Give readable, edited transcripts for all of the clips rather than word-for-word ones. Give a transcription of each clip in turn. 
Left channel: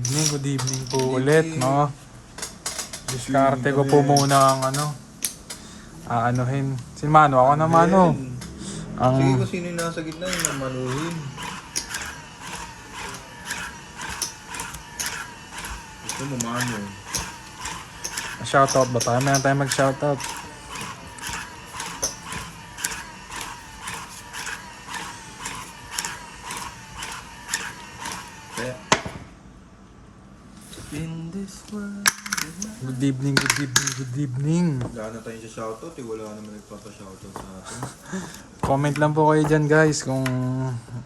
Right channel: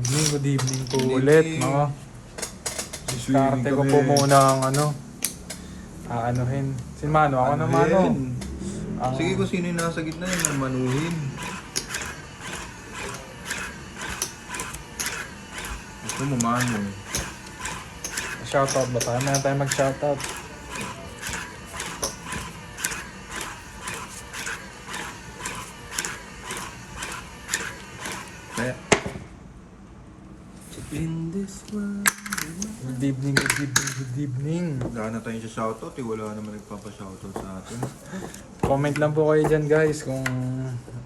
Good evening po ulit, no? Diskarte ko po muna ang aanuhin. Si Mano, ako na Mano. Sige kung sino yung nasa gitna yung manuhin. Gusto mo Mano. Shoutout ba tayo? Meron tayo mag-shoutout. In this world. Good evening, good evening, good evening. Gana tayo sa shoutout wala naman nagpapa-shoutout sa atin. Comment lang po kayo dyan guys kung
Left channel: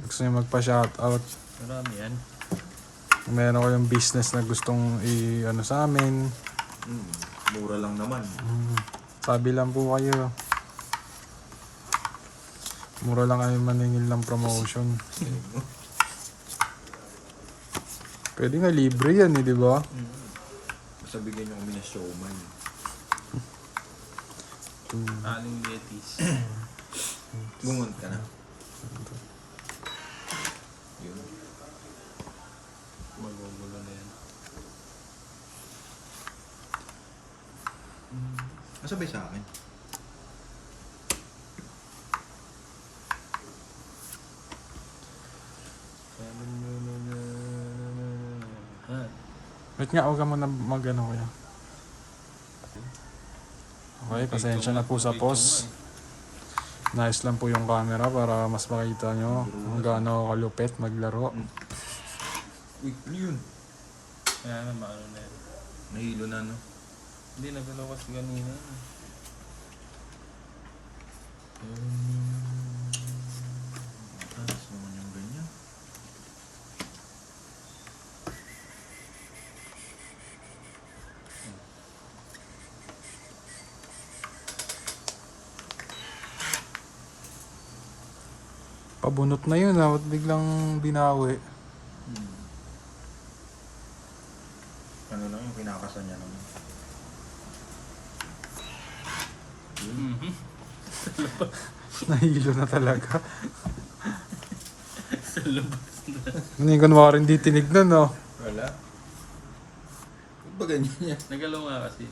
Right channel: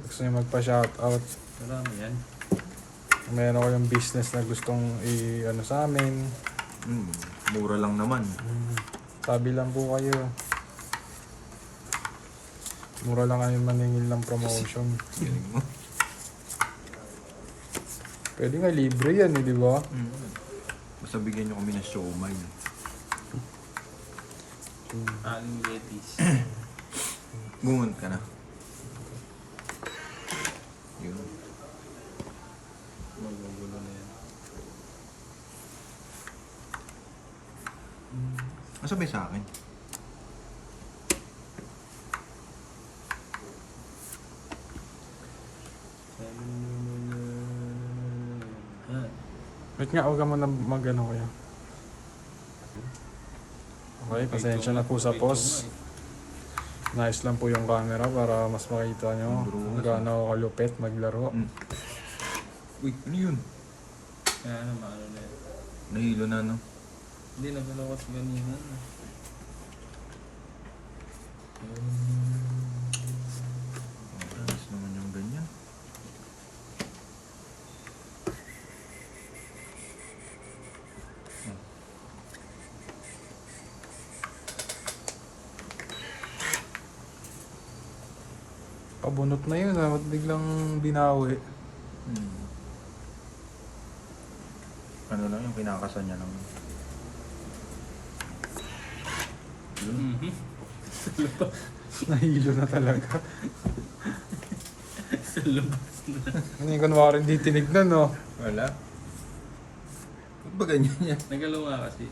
gusto nyo magpa-shoutout. Marami yan. Kung meron kayong business na gustong sa amin. Mura lang naman. Sabi lang po kayo. Mura lang kayo maningil ng promotion. Pwede na libre yan di ba? Basta bigyan nyo kami ng showman. Aling Betis. Bungad ka na. Yun. Magugulo na yan. Masabay sa akin. Wait nga, huwag ka muna kaya. Okay, pasensya na po sa pause. Nice lang po yung camera para mas makita nyo kung gaano ako kalupit maglaro. Uy, ano yun? Kaya maano na yan. Nahilo na no? Hindi na pala kasi ganyan. Mas naman yung ganyan. Pabunot na yun ba't biglang binawi? Ano lang yung pinakasan niya naman. Nahilo na talaga. Sa labas na. Hindi ko naman rin di tinignan no. Wala. Ba't ba ganyan yan? Nagalaw nga kasi.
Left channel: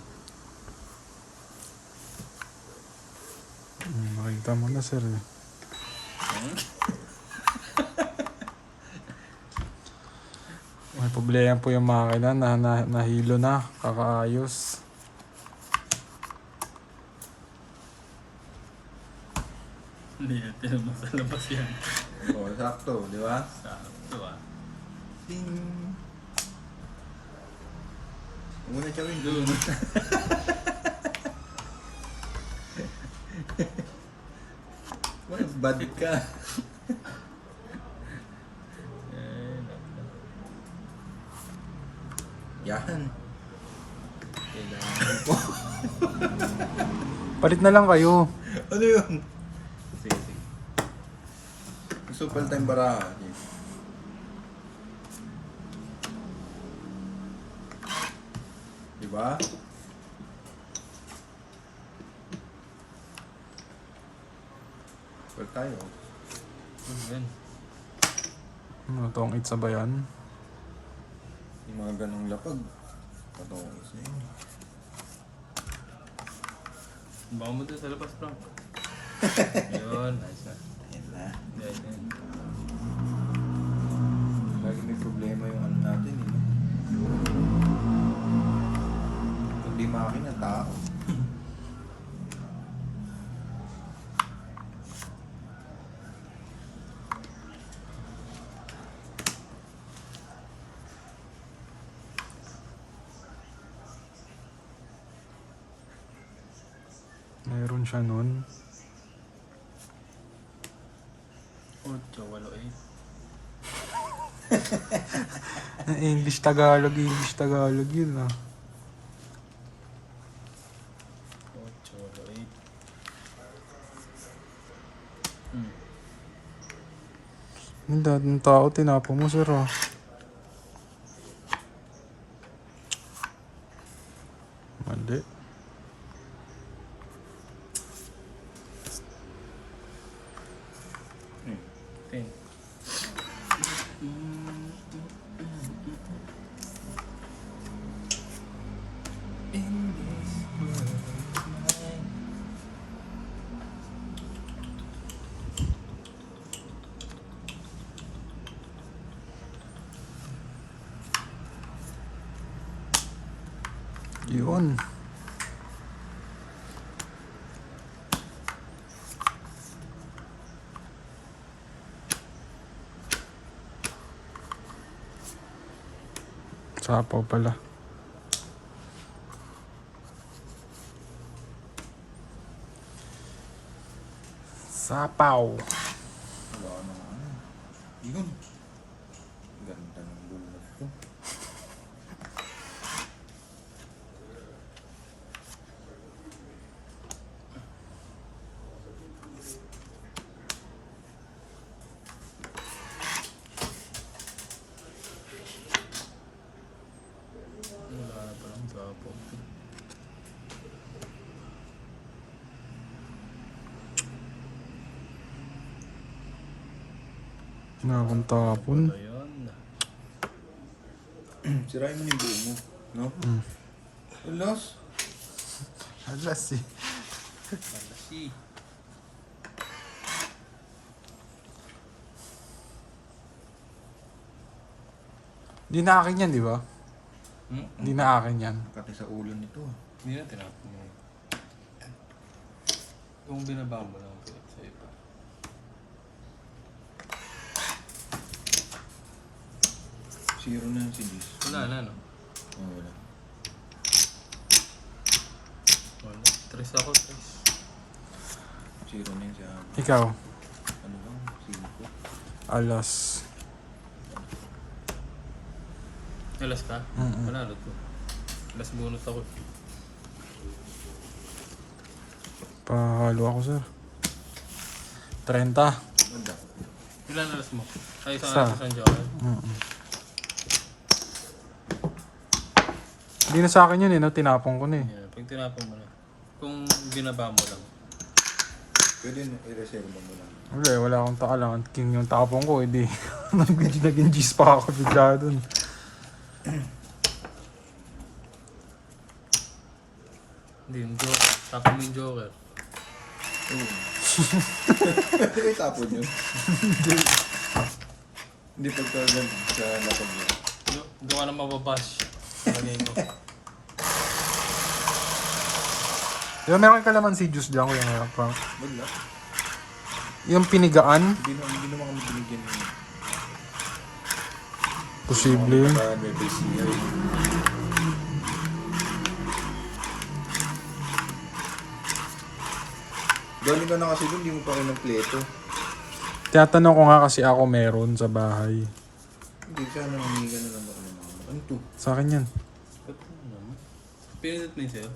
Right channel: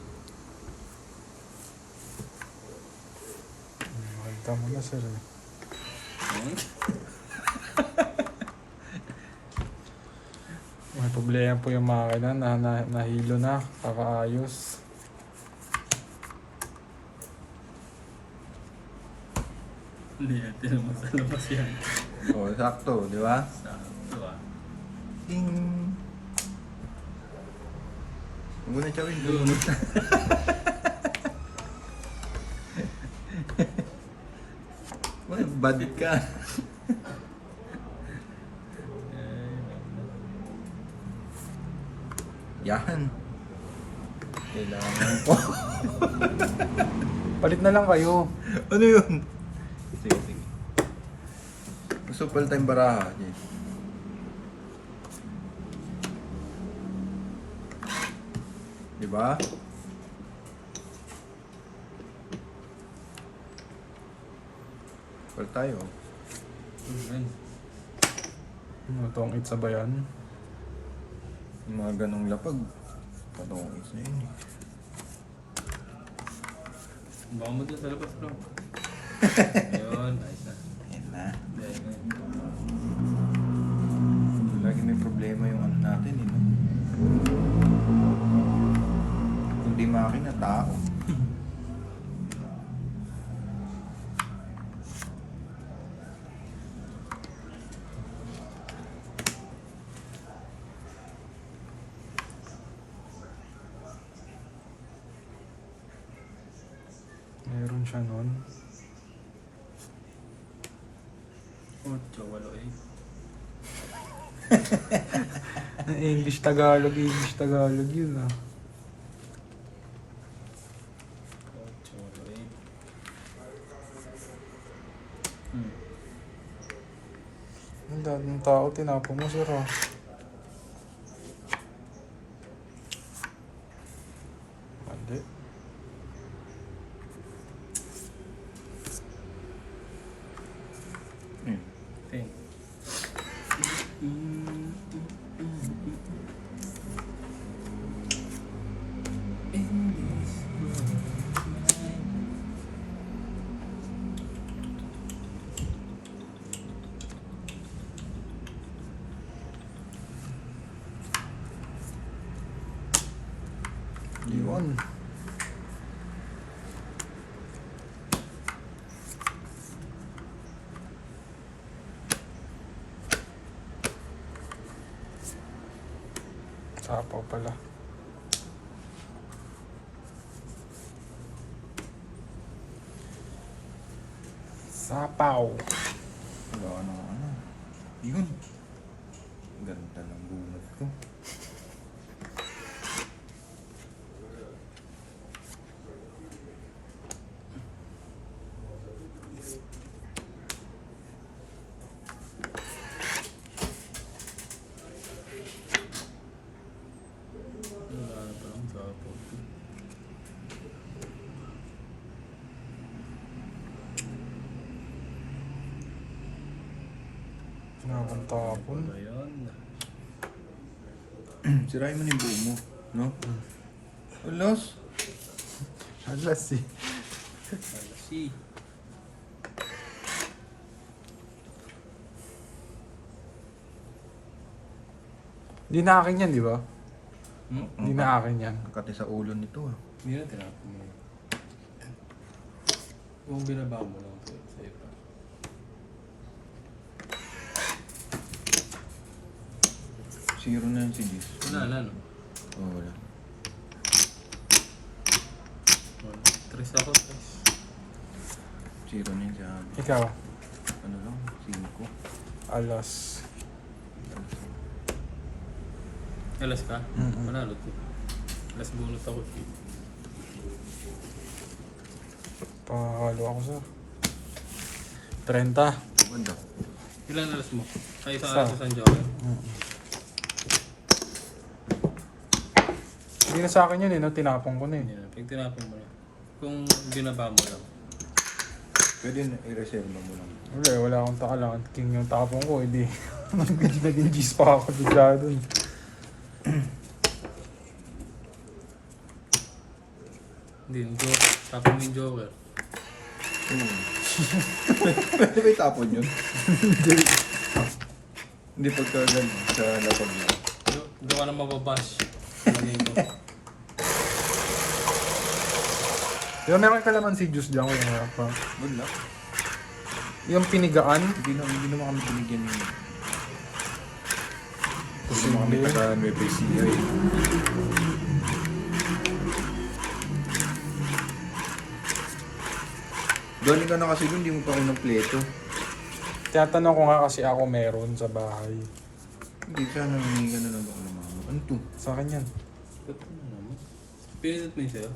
Makita mo na sir. May problema po yung makina nahilo na, kakaayos. Hindi, tinan mo sa labas yan. Oo, sakto, di ba? Sakto ah. Ding! Muna siya rin. Wala, bad ka. Yan. Kailangan po. Palit na lang kayo. Ano yun? Sige, sige. Gusto pala tayong baraha. Diba? Pala tayo. Yan. Ano tong itsa ba yan? Yung mga ganong lapag. Patawag sa inyo. Baka mo doon sa labas bro. Ayun. Nice na. Yan na. Ayun. Lagi may problema yung ano natin eh. Hindi makina, tao. Mayroon siya nun. 8, 8. English Tagalog yun ah. 8, 8. Hindi, ng tao tinapo mo sir ah. Mali. Yun. Sapaw pala. Sapaw. Ano. Yun. Ganda ng bulat ko. Wala pa lang sapaw. Nakakantapon. Ayan. Sirain mo yung buo mo. No? Alas. Alas eh. Malasi. Hindi na akin yan, di ba? Hmm? Hindi na akin yan. Kati sa ulo nito ah. Hindi na tinapon mo. Kung binaba mo lang po sa iba. Zero na yun si Liz. Wala na, no? Oo, wala. Tres ako, tres. Zero na yun si Hama. Ikaw, Ano lang? Cinco. alas. Alas ka? Mm-mm. Manalo ko. Alas bunot ako. Pahalo ako, sir. 30. Ganda. Ilan alas mo? Ay, isang Isa. alas sa Santiago. Hindi na sa akin yun eh, no? Tinapong ko na eh. Yeah, pag tinapon mo na. Kung binaba mo lang. Pwede na i-reserve mo lang. Wala eh, wala akong taka. King yung tapong ko, edi. Naging G's pa ako bigla dun. Hindi, yung joker. Tapon mo yung joker. Pwede ba itapon yun? Hindi pa talaga sa lapag. Hindi ka na mababash. Lagay ko. Diba meron ka naman si juice dyan ko yung pang. Good luck. Yung pinigaan, Hindi na kami binigyan mo. posible. May procedure. Galing ka na kasi dun, hindi mo pa ng pleto. Tinatanong ko nga kasi ako meron sa bahay. Hindi ka na hinihinga na lang ako. Ano to? Sa akin yan. Pinindot na yung sa'yo?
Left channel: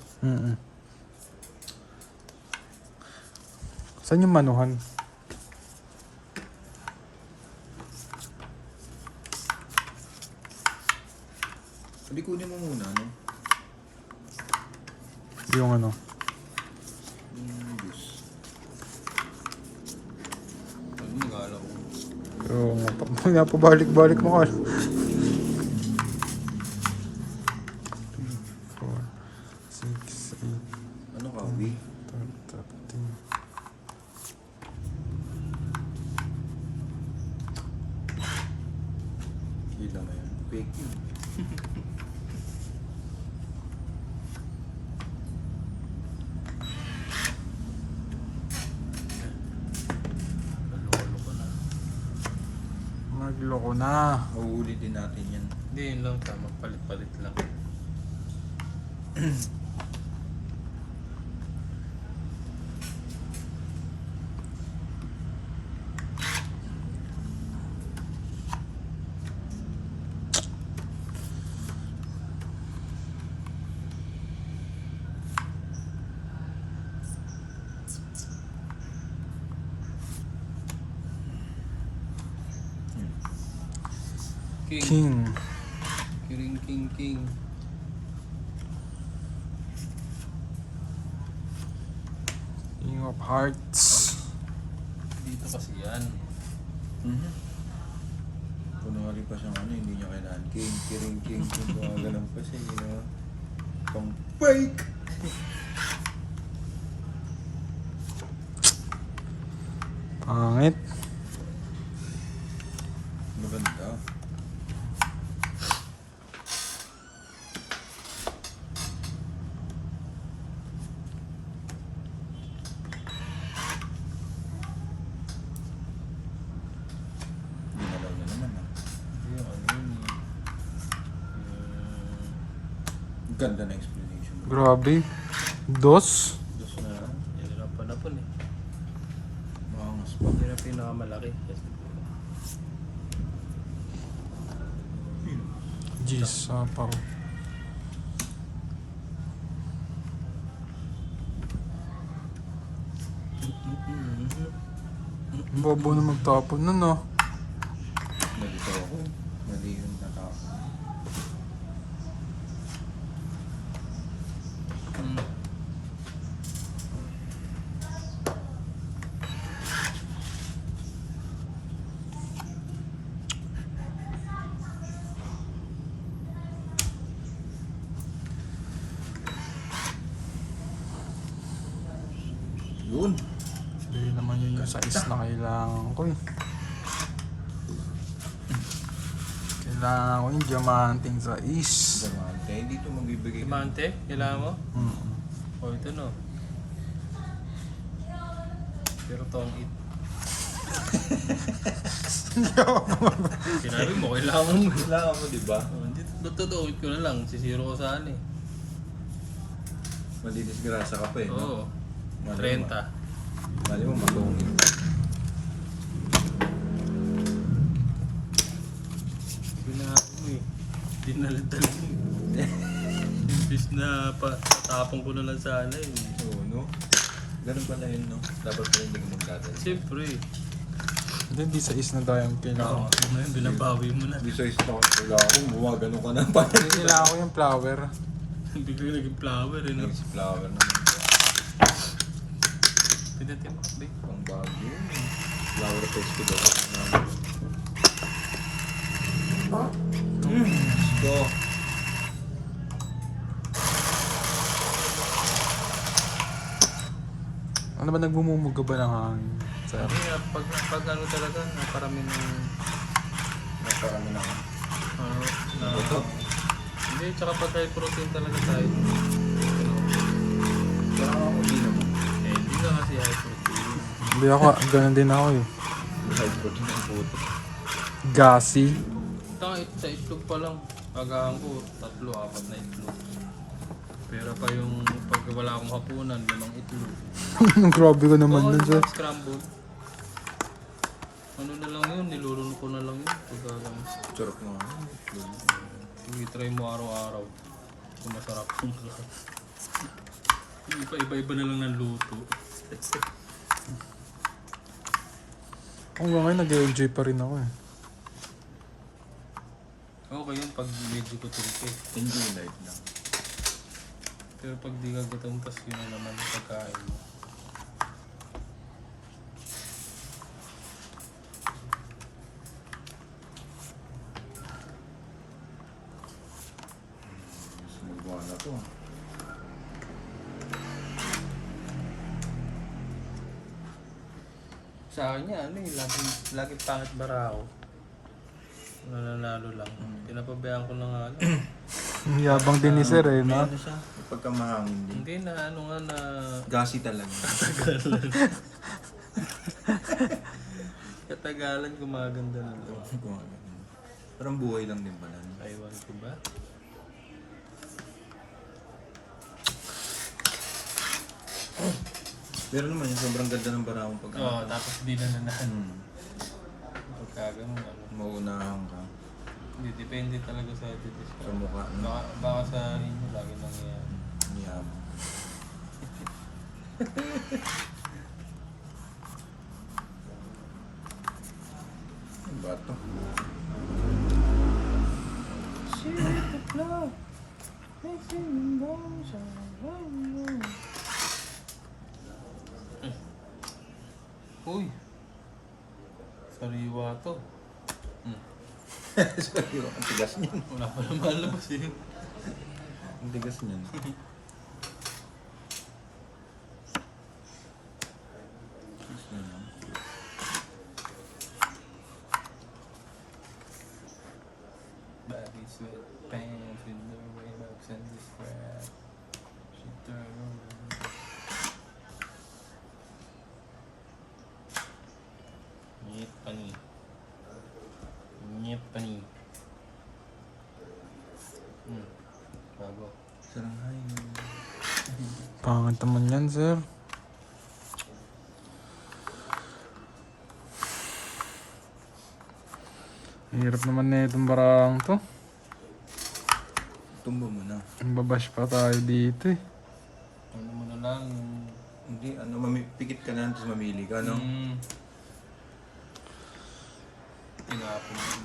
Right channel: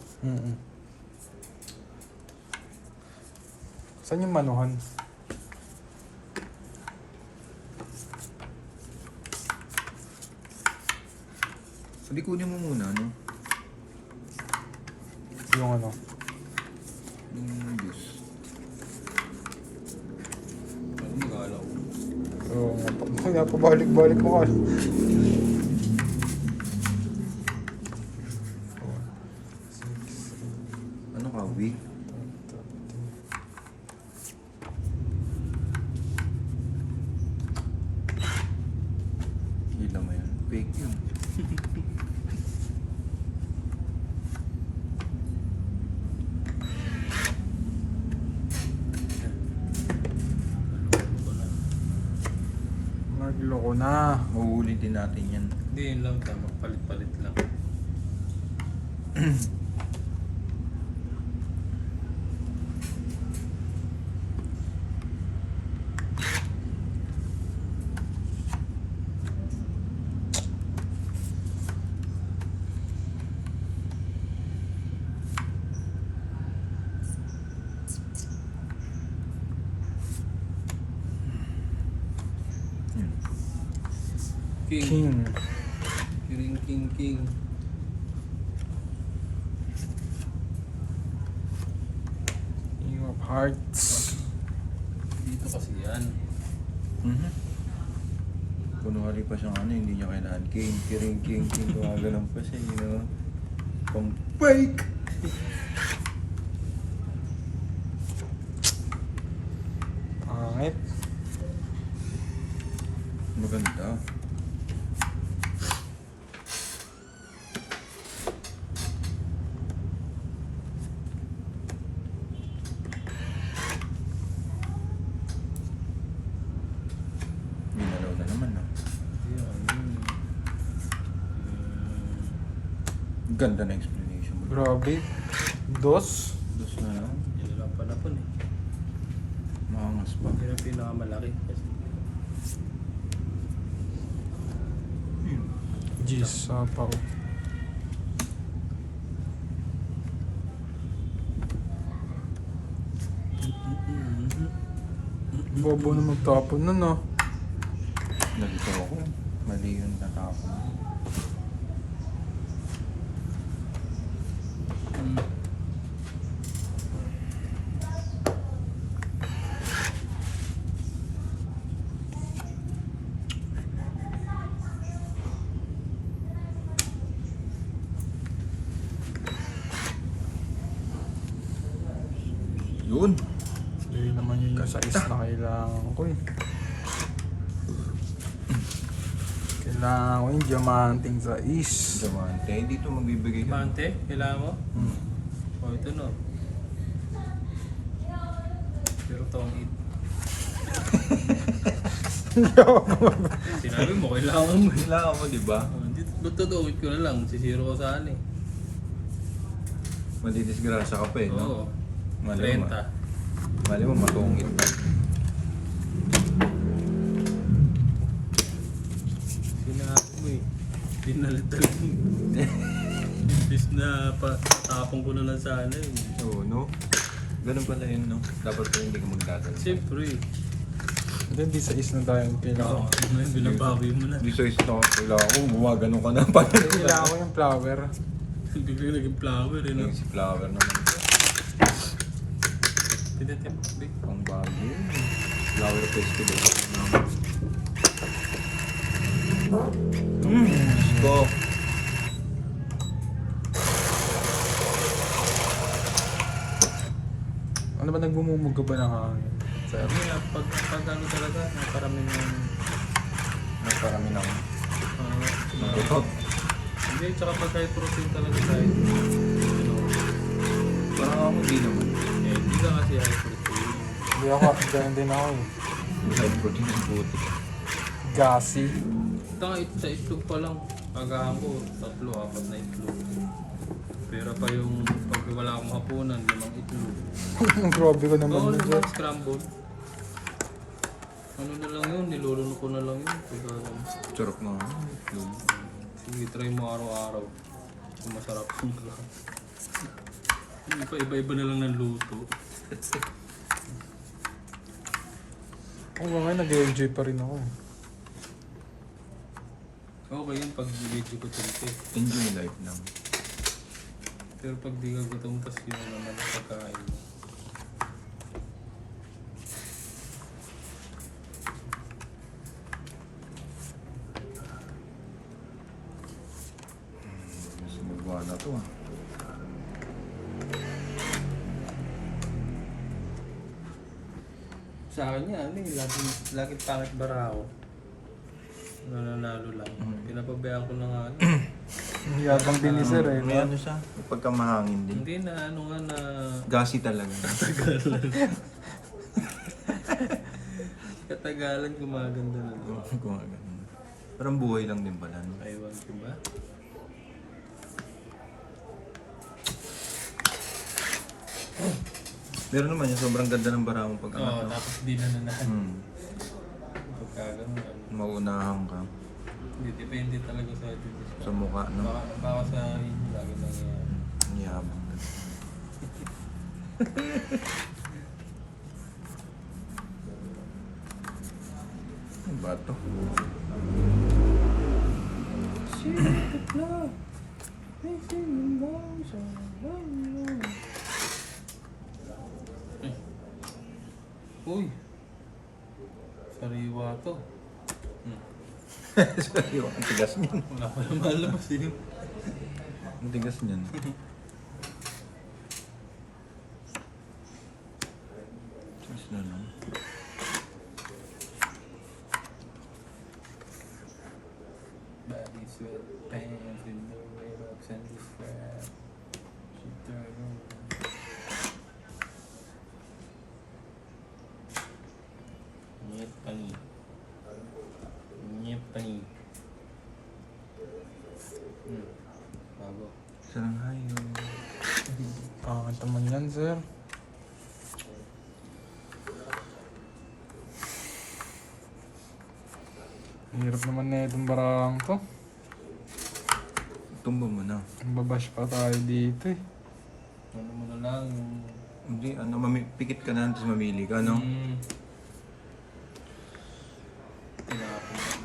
Saan yung manuhan? Hindi kunin mo muna, no? Yung ano? Juice. Ano mag-aala ko? Oo nga, pabalik-balik mo ka. 4, 6, 8, Ano ka, Ubi? 13. Ilang yan. Fake yun. Magloko na. Uulitin natin yan. Hindi, yun lang. Tama, palit-palit lang. King. King. King. King of Hearts. Dito kasi yan. Kumali pa siyang ano, hindi niya kailangan. King. Kumagalang pa siya, you know? Pang fake! Pangit. Maganda. Ganda na explanation. Grabe. Dos? Dos na lang. Hirap pala po na. Mahangas po. Hirap pinakamalaki. Jeez, sapaw. Bobo na magtapon nun, no? Nalito ako. Mali yun na ako. Yun. Hindi naman yun yung size na kailangan ko eh. Kailangan ko yung diamanting size. Diamante. Dito magbibigay ka. Diamante, kailangan mo? Hmm. O ito no. Pero tone 8. Sinabi mo, kailangan mo. Wala ako, di ba? Oh, hindi, totoo ko na lang. Sisiro ko saan eh. Madidisgrasya ka pa eh, no? Oo. Mali mo. 30. Mali mo matungin. Ginawa mo eh. Dinaldal mo. Imbis na tapong ko na lang sana yun. Oo, no? Ganun pala yun, no? Dapat pa hindi ka magtatanong. Siyempre. Hindi size na tayo yung kailangan. Ngayon, binabawi mo na. Hindi sa isang kailangan ko, gumagano ka na pa. Kailangan ko yung flower. Hindi ko yung naging flower eh. No? Next flower naman. Tinatin mo. Hindi. Ang bago. Flower festival. Let's go. Ano ba nagbumumuga ba ng hangin? Sir? Pag ano talaga, nakarami ng... Marami na. Ito. Hindi, tsaka pag may protein talaga tayo. Parang ako din. Eh, hindi na kasi high protein. Hindi ako, ganun din ako eh. Blood protein ang puto. Gassy. Tanga ito sa itlog pa lang. Kagahan ko, 3, 4 na itlog. Pero pa yung pag wala akong hapunan, 5 itlog. Grabe ko naman Oo, dun, sir. scramble. Ano na lang yun, niluluno ko na lang yun. Charok mo. Sige, try mo araw-araw. Kung masarap yung iba-iba na lang ng luto. Ay, ngayon nag-enjoy pa rin ako eh. Okay yun pag video ko tilke. Enjoy life lang. Pero pag di ka gutom, tas yun na naman ang pagkain mo. Sinubuhan na to. Sa akin yan, ano eh, laging pangit bara ako. Nananalo lang. Pinapabayaan ko na nga. Yabang din ni sir eh, no? Ano siya? Pagka mahangin din. Hindi na, ano nga na... Gassy talaga. Katagalan gumaganda na doon. Parang buhay lang din pala. No? Taiwan ko ba? Pero naman yung sobrang ganda ng bara mo pag Oo, tapos di na nanahan. Pagkaganda. Maunahan ka Hindi, depende talaga sa ito. sa mukha. No? Baka sa inyo lagi nangyayari. Yabang. Ano ba ito? Uy! Sariwa to. Sorry, ang tigas niyan. Wala pa naman labas eh. Ang tigas niyan. Tigas na lang. Body sweat pants with the red ups and the strap. She turned. Nyet pani. Nyet pani. Bago. Sarang hayo. Pangat naman yan, sir. Hirap naman na itong barang to. Tumbo mo na. Babash pa tayo dito eh. Ano mo na lang. Hindi, pikit ka na, tapos mamili ka, no? Hindi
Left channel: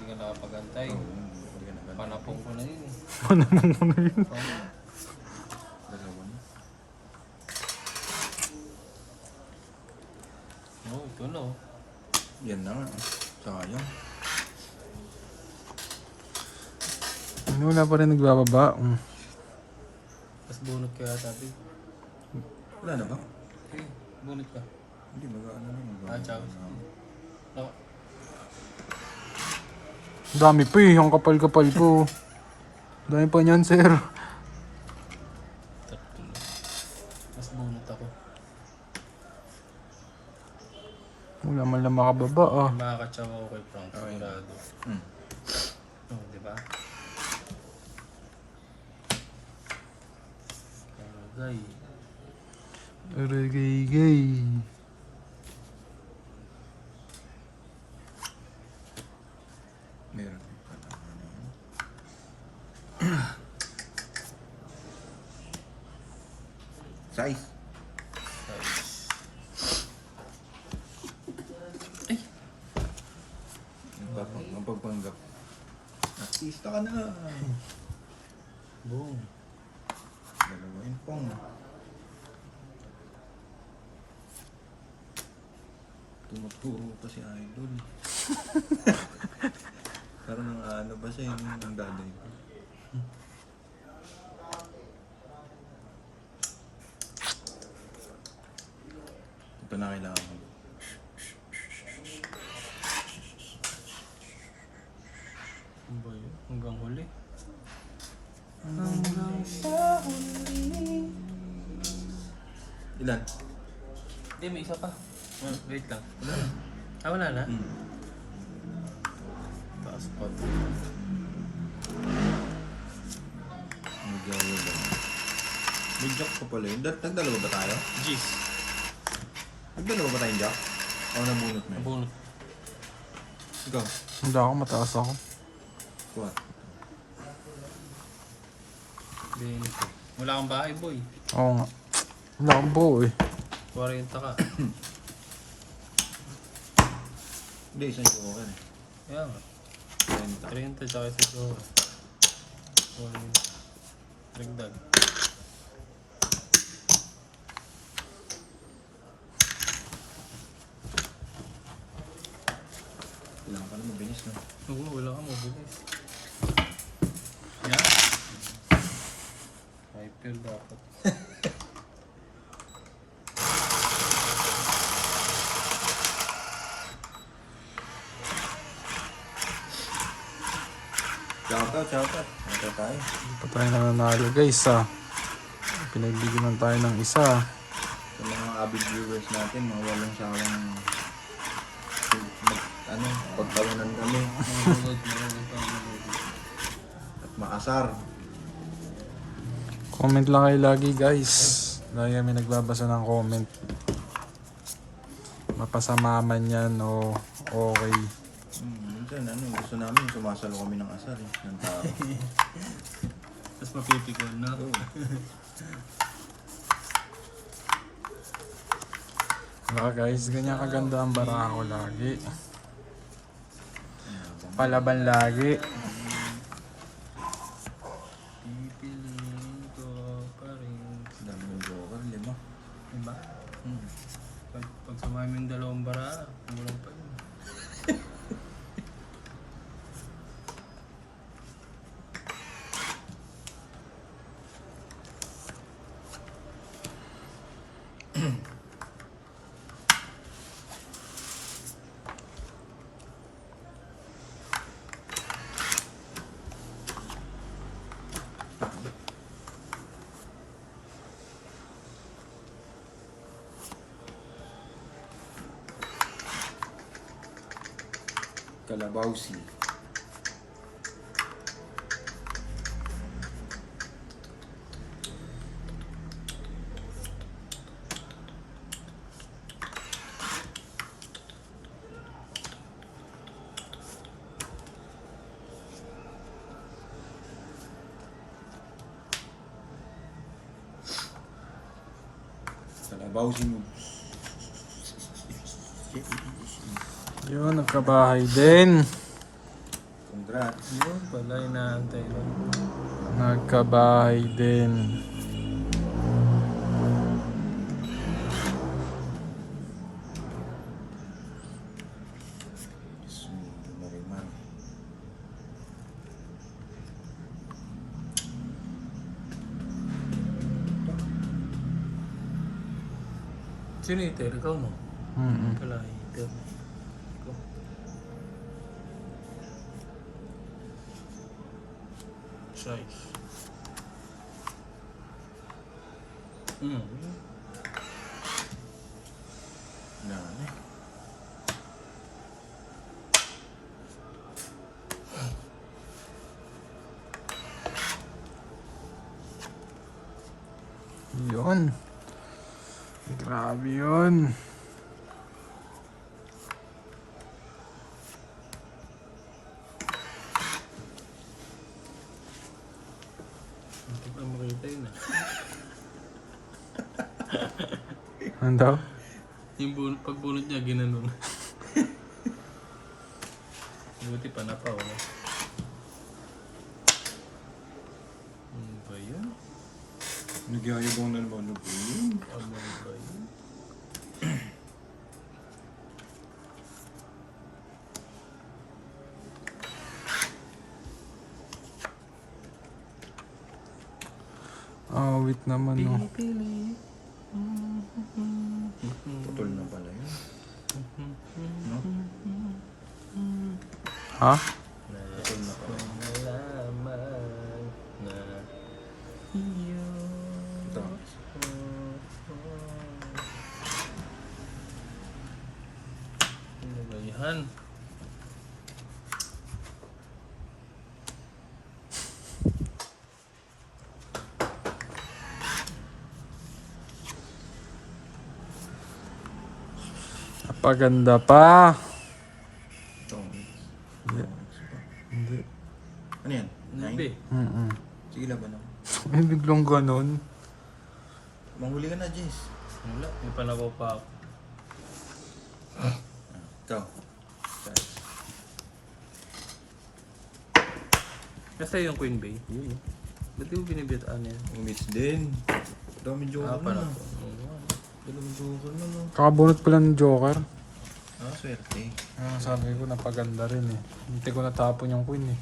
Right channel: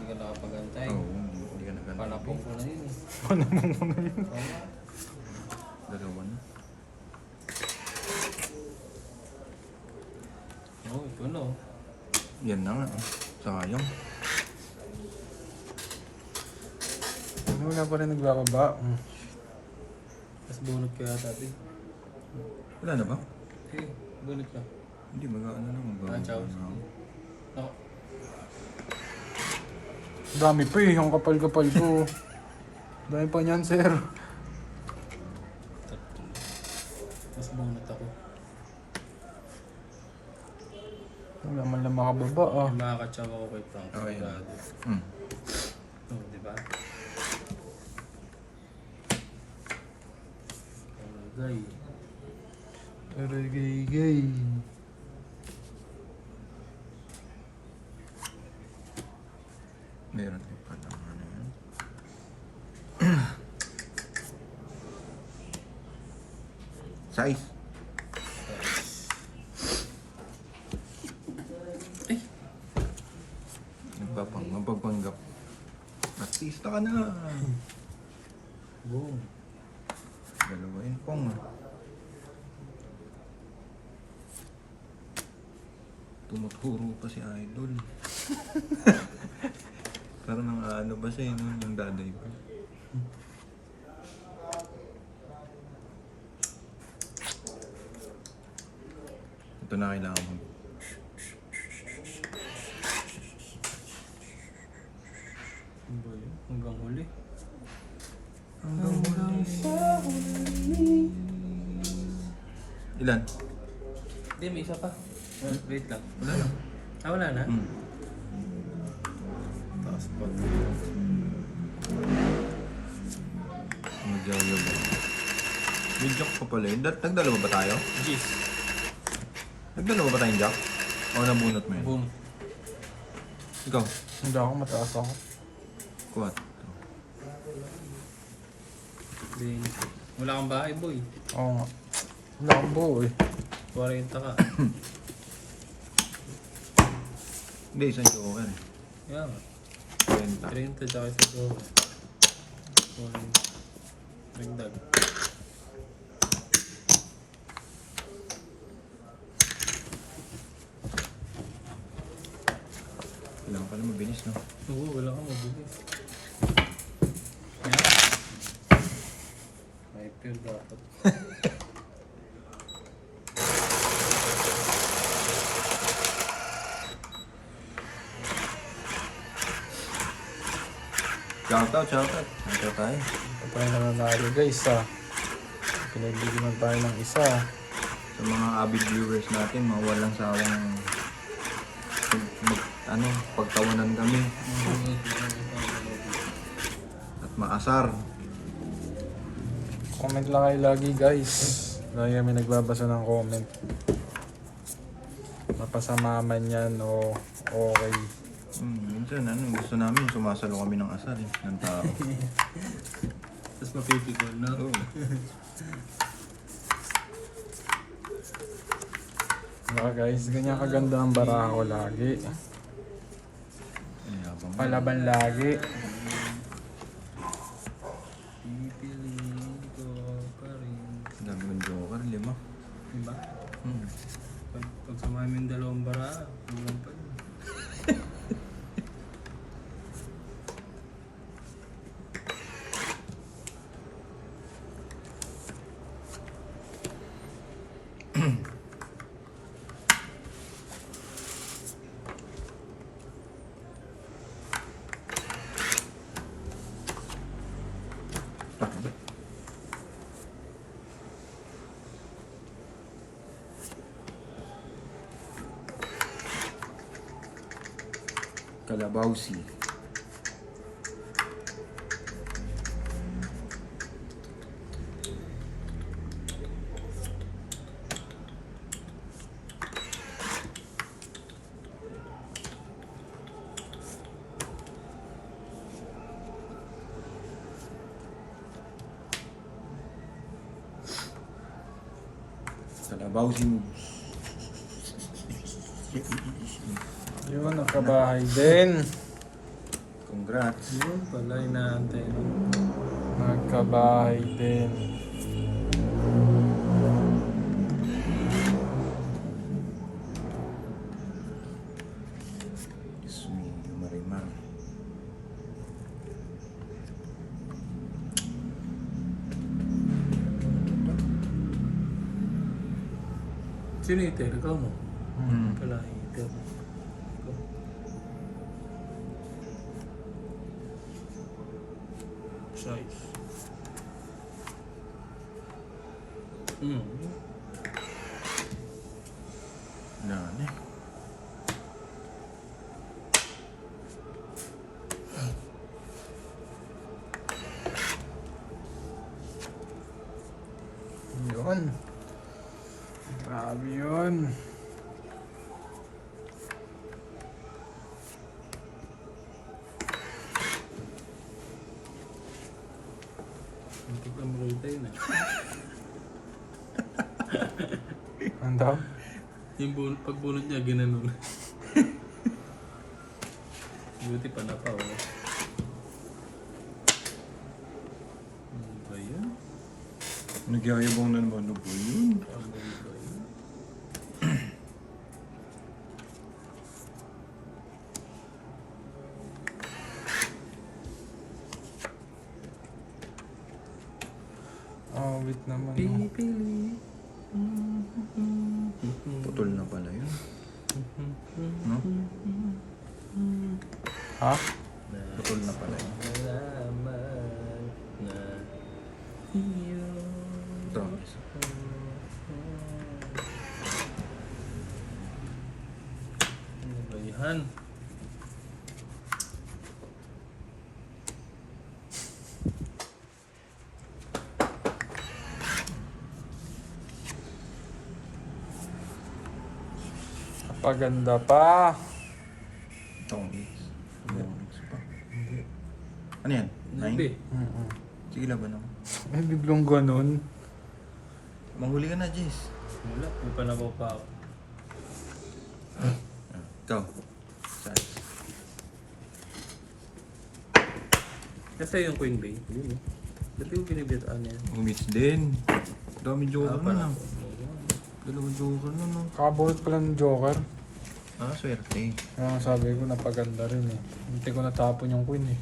ka nakapagantay. Oo, hindi ka na. Panapong ko na yun. Ano mo na yun? Dalawa na. Oo, ito na. Oh. Yan na nga. Sayang. Ano wala pa rin nagbababa? Tapos bunot kaya sabi. Wala na ba? Eh, bunot ka. Hindi, ano na. Ciao. Dami pa eh, ang kapal-kapal po. Dami pa niyan, sir. Tapos bunot ako. Wala man lang makababa ah. Makakatsawa ako kay Frank. Okay. Sigurado. Hmm. Oh, di ba? Tagay. Aragay-gay. Meron yung kadama na yan. Size. Magpapanggap. Artista ka na. Boom. Dalawa yun pong. Tumuturo pa si Idol. Parang nang ano ba sa inyo ng daday ko? Ito na kailangan ko. Ano ba yun? Hanggang huli. Ilan? Hindi, may isa pa. Oh, wait lang. Ah, wala na? Hmm. Tapos po. Magdalo ba? May joke pa pala yun. Nagdalawa ba tayo? Jeez. Nagdalawa ba tayong joke? O nabunot mo yun? Bunot. Ikaw? Hindi ako, mataas ako. Kuhat. Wala kang bahay, boy. Oo nga. Wala akong buo eh. 40 ka. Hindi, isang joke. Yan. 30. 30 tsaka sa doon. Dagdag. Ilang pa na mabilis na. Oo, wala kang mabulis. Yan. Hyper dapat. Shoutout. Shoutout tayo. Patay na nanalo guys ah. Pinagbigyan tayo ng isa. Sa mga avid viewers natin, mga walang sawang pagkaunan kami at maasar. Comment lang kayo lagi guys. Lagi kami nagbabasa ng comment. Mapasama man yan o okay. Minsan gusto namin sumasalo kami ng asar ng tao. Tapos mapipigil na. Baka guys, ganyan kaganda ang bara ko lagi. Palaban lagi. Pipiliin ko pa rin. Dami ng joker, 5. Diba? Pag sumami yung dalawang bara, walang pa rin. Kalabausi. Kalabawsi mo. Yun, nakabahay din. Congrats. Yun pala, inaantay mo. Nagkabahay din. Marimar. Sino ito? Ikaw no? Wala ito. Size. Dami. Yun. Grabe yun. Hindi pa makita yun ah. Ano daw? Yung pagbunot niya, ginanon. Buti pa na pa, wala. Ano ba yun? Nagyayabang na naman ako. Ano ba yun? Oh, wait naman. No. Pili. Putol na pala yun. No? Ha? Putol na pala yun. Ito. Ano ba yan? Napaganda pa. Ito. Mix. Hindi. Mix pa. Hindi. Ano yan? Nabi. 9? Sige, laban ako. Eh, biglang ganun. Mahuli ka na, Jace. Wala, may palabaw pa ako. Ikaw. Kasi yung Queen Bay. Dati yung binibitaan niya. Umits din. Dami joker pa na. na. Dalawang joker na. No? Kakabunot pala ng Joker. Ah, swerte. Kaya sabi ko, napaganda rin eh. Hindi ko natapon yung queen eh.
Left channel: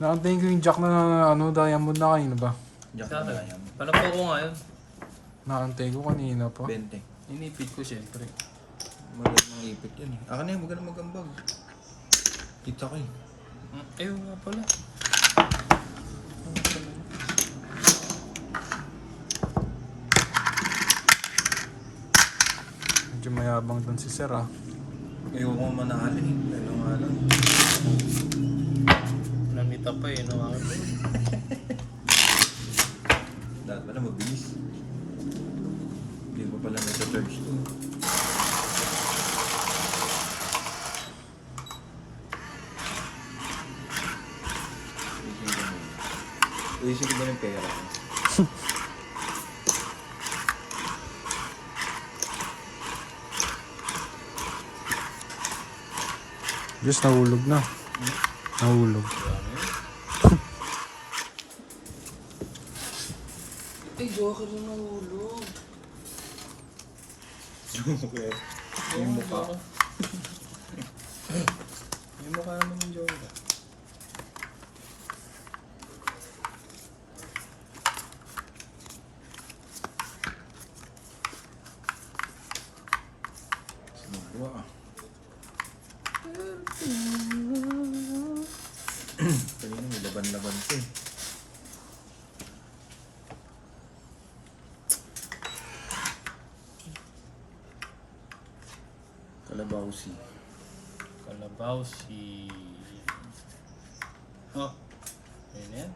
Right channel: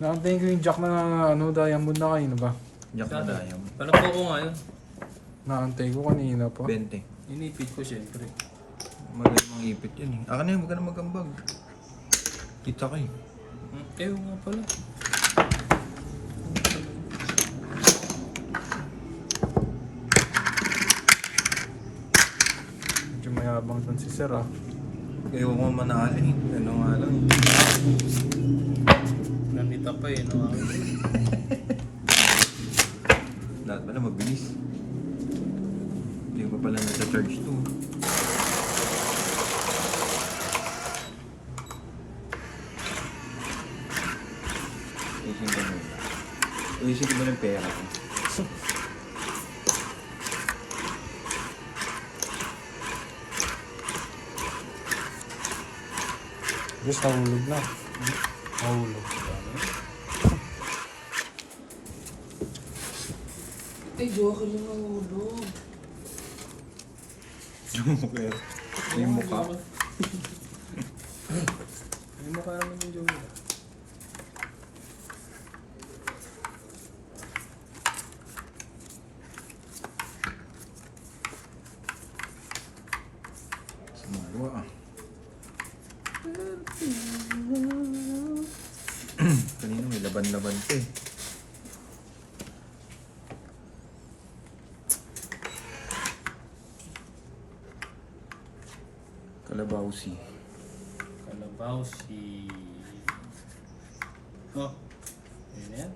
Nakatingin ko yung jack na ano, diamond na kanina ba? Jack na dayam. Palakpo ko nga yun. Nakantay ko kanina pa. 20. Inipit ko syempre. Mali mong ipit yun eh. Akin na yan, huwag ka na magambag. Kita ka eh. Ewan nga pala. Medyo mayabang dun si Sir ah. Ayaw ko manalo eh. Ano nga lang. Namita pa eh. No? Dapat pala mabilis. Hindi pa pala nasa charge to. Uisip ko ba ng pera? Diyos, nahulog na. Nahulog. Ay, joker yung nahulog. Yung mukha. Yung mukha naman yung joker. Sinawa ah. Kanina may laban-laban to eh. Kalabawsi. Kalabawsi. Oh. Ayun na yan.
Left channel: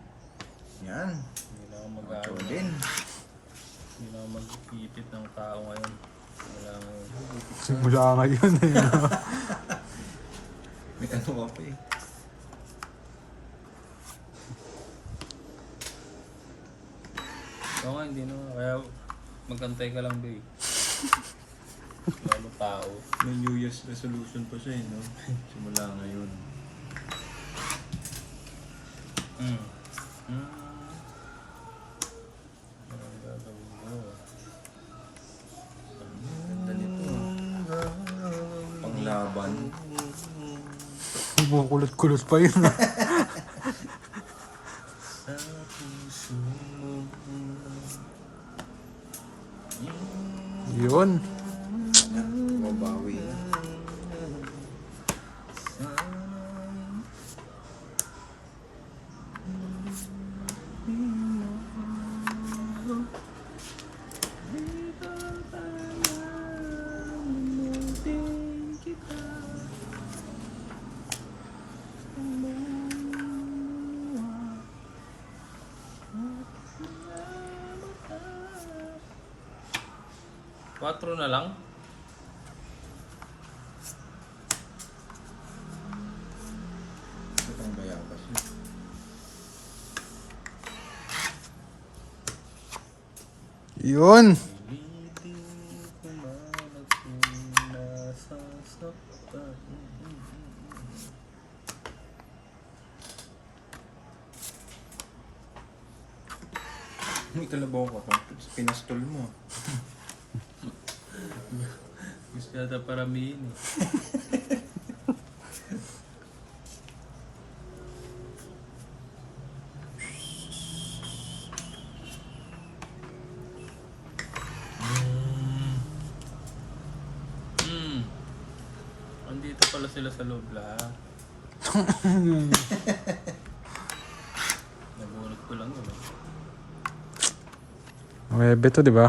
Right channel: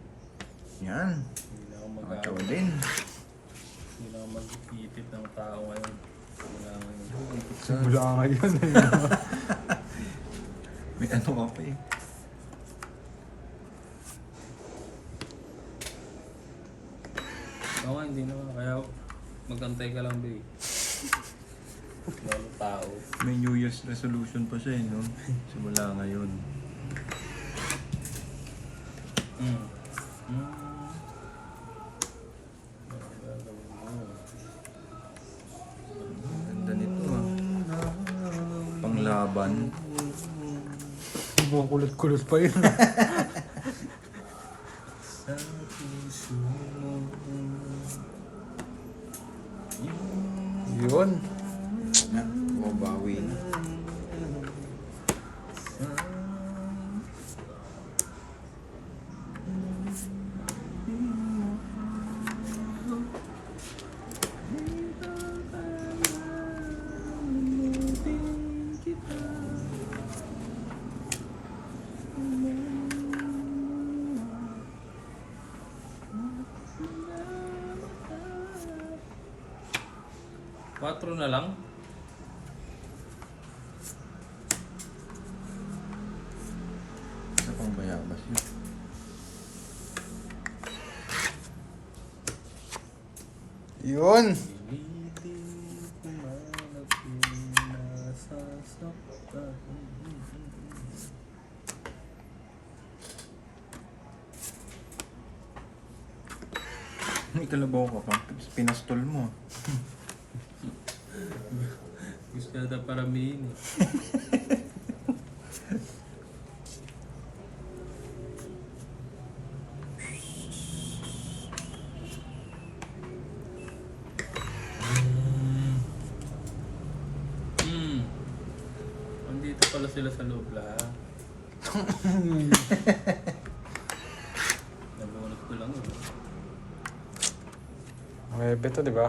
Yan. Hindi na ako Ito mag-aaral. din. Hindi na ako mag-ipit ng tao ngayon. Simula ngayon eh. May ano ka pa eh. Oo nga, hindi naman. Kaya Magantay ka lang, babe. Lalo tao. May New Year's resolution pa siya no? Simula ngayon. Mm. Mm. Ganda nito Panglaban. Kulot-kulot pa yun. Yun. Mabawi na. Quatro na lang? Ano pang bayabas yun? Yun. May kalabaw ka pa. Pinaspal mo. Gusto yata paramihin. Andito pala sila sa loob lang. Nabunot ko lang yun. May beto, di ba?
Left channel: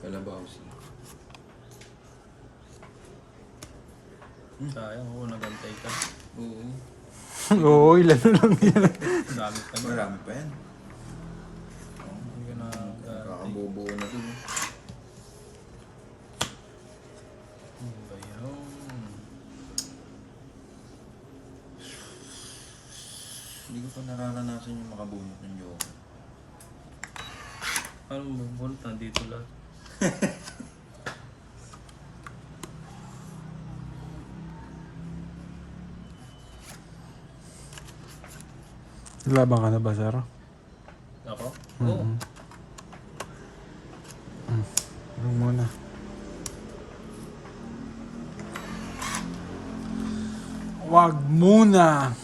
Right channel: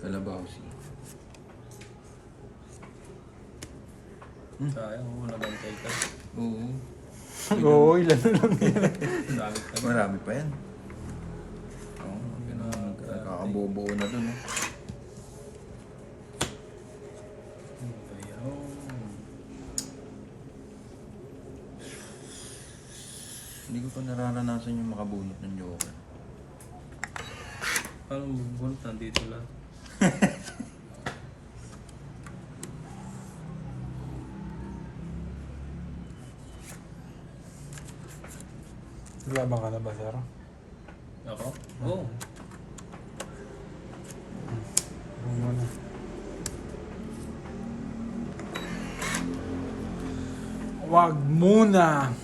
Kalabaw siya. Sayang, oo, nabantay ka. Oo. Oo, ilan na lang yan. Bakit ka na? Marami pa yan. Oo, Ganun ka. nakakabobo na to, no? Ano ba yun? Hindi ko pa nararanasan yung makabunot ng joker. Parang bubunot nandito lang. Laban ka na ba, sir? Ako? Oo. Ano muna? Wag muna!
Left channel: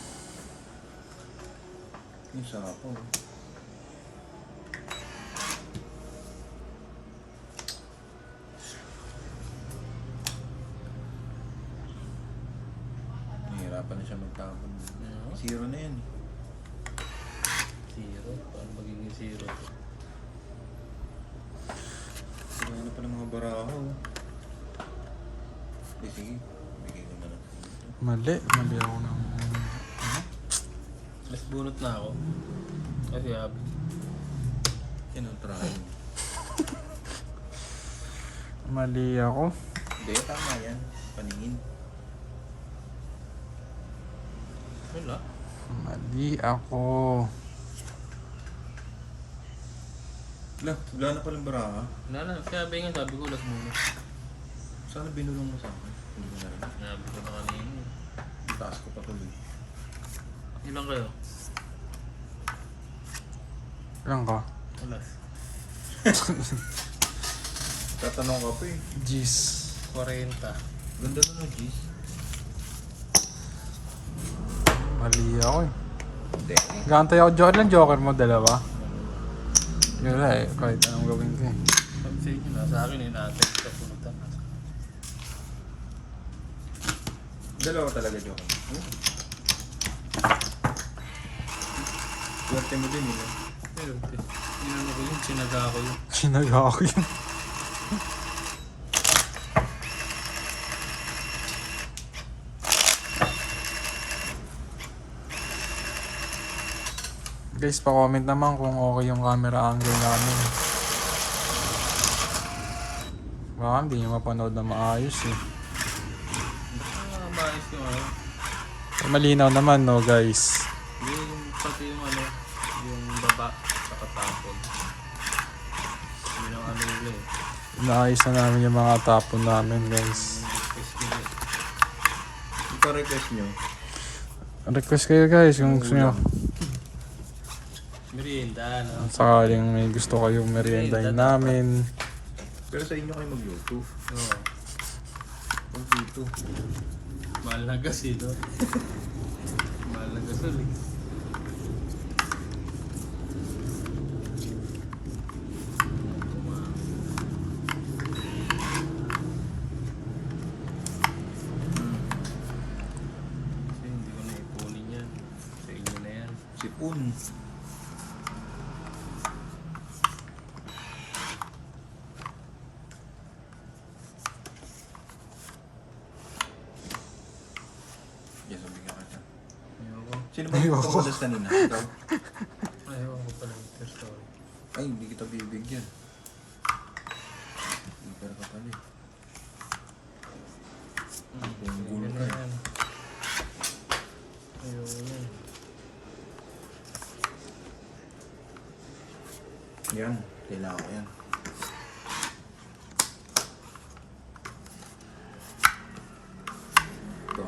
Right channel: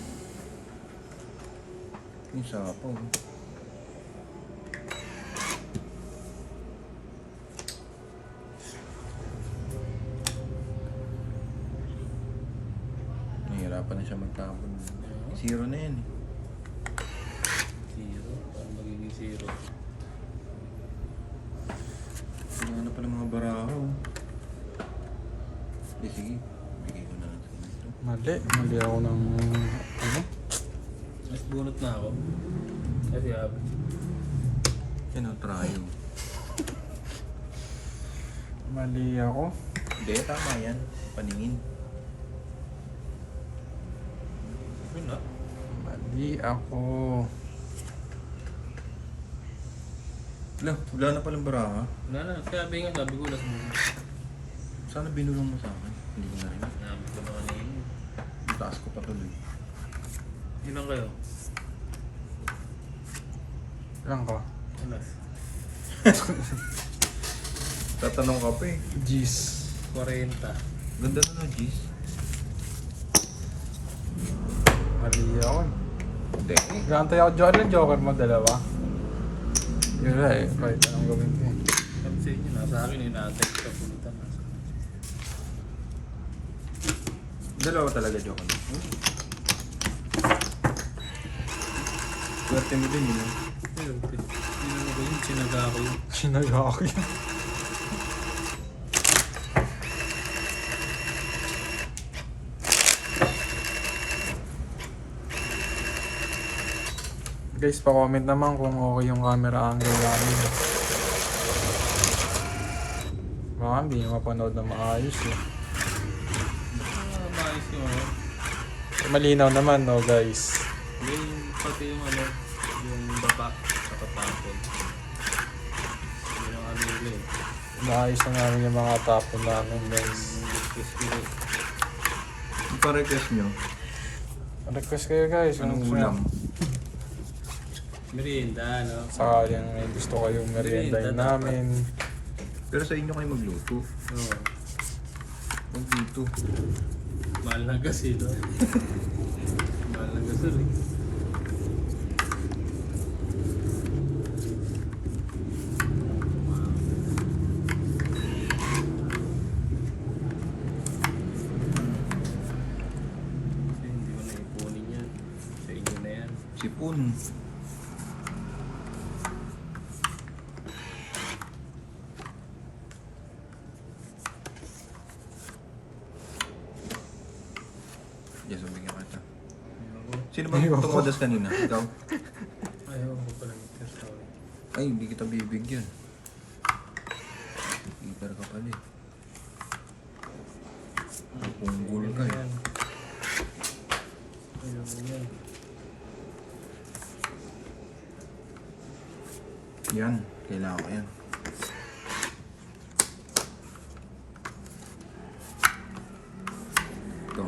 Yung sarap po. Nahihirapan na siya magtapon. Zero na yan. Zero? Paano magiging zero? Hindi na pala mga baraho. Sige, bigay ko na lang sa inyo. Mali ako ng... ano? Mas bunot na ako. Kasi abi. Yan ang try mo. Mali ako. Hindi, tama yan. Paningin. Yun na. Mali ako. Wala na palang baraha. Wala na. Sabi nga, sabi ko last movie. Sana binulong mo sa akin. Hindi na yun. Sabi ko na kanina. Taas ko pa tuloy. Ilan kayo? Ilan ka? Alas. Tatanong ka pa eh. Jeez. 40. Ganda na ng G's. Mali ako eh. Hindi. Gantay ako joker. Joker mo, dalawa. Gala eh. Kahit anong gawin ko eh. Sabi sa inyo, nasa akin yung natin. Kapunutan. Dalawa talaga joke. Swerte mo din yun. Ayun, yun na ba yun? Sinaga ako yun. Sinaga ako yun. Guys, pa-comment naman kung okay yung camera angle namin. Baka hindi nyo mapanood na maayos eh. Ano ba yung ano? Malinaw naman no guys. Yung pati yung ano, yung baba sa katapon. ulit. Naayos na namin yung mga tapon namin, guys. Request ulit. Ito request nyo. Request kayo guys kung gusto nyo. Merienda, no? Sakaling may gusto kayong meriendahin namin. Pero sa inyo kayo magluto. Oo. Magluto. Mahal na gas eh, no? Mahal na gas ulit. Kasi hindi ko na ipunin yan. Sa inyo na yan. Sipon. Yes, umigyan kita. Sino ba Ayaw yung ako. kawadas kanina? Ikaw? Ayaw ko pala mag-post ako. Ay, hindi kita bibigyan. Hiper ka pala eh. Punggol ka eh. Ayun. Yan, kailangan ko yan. Go.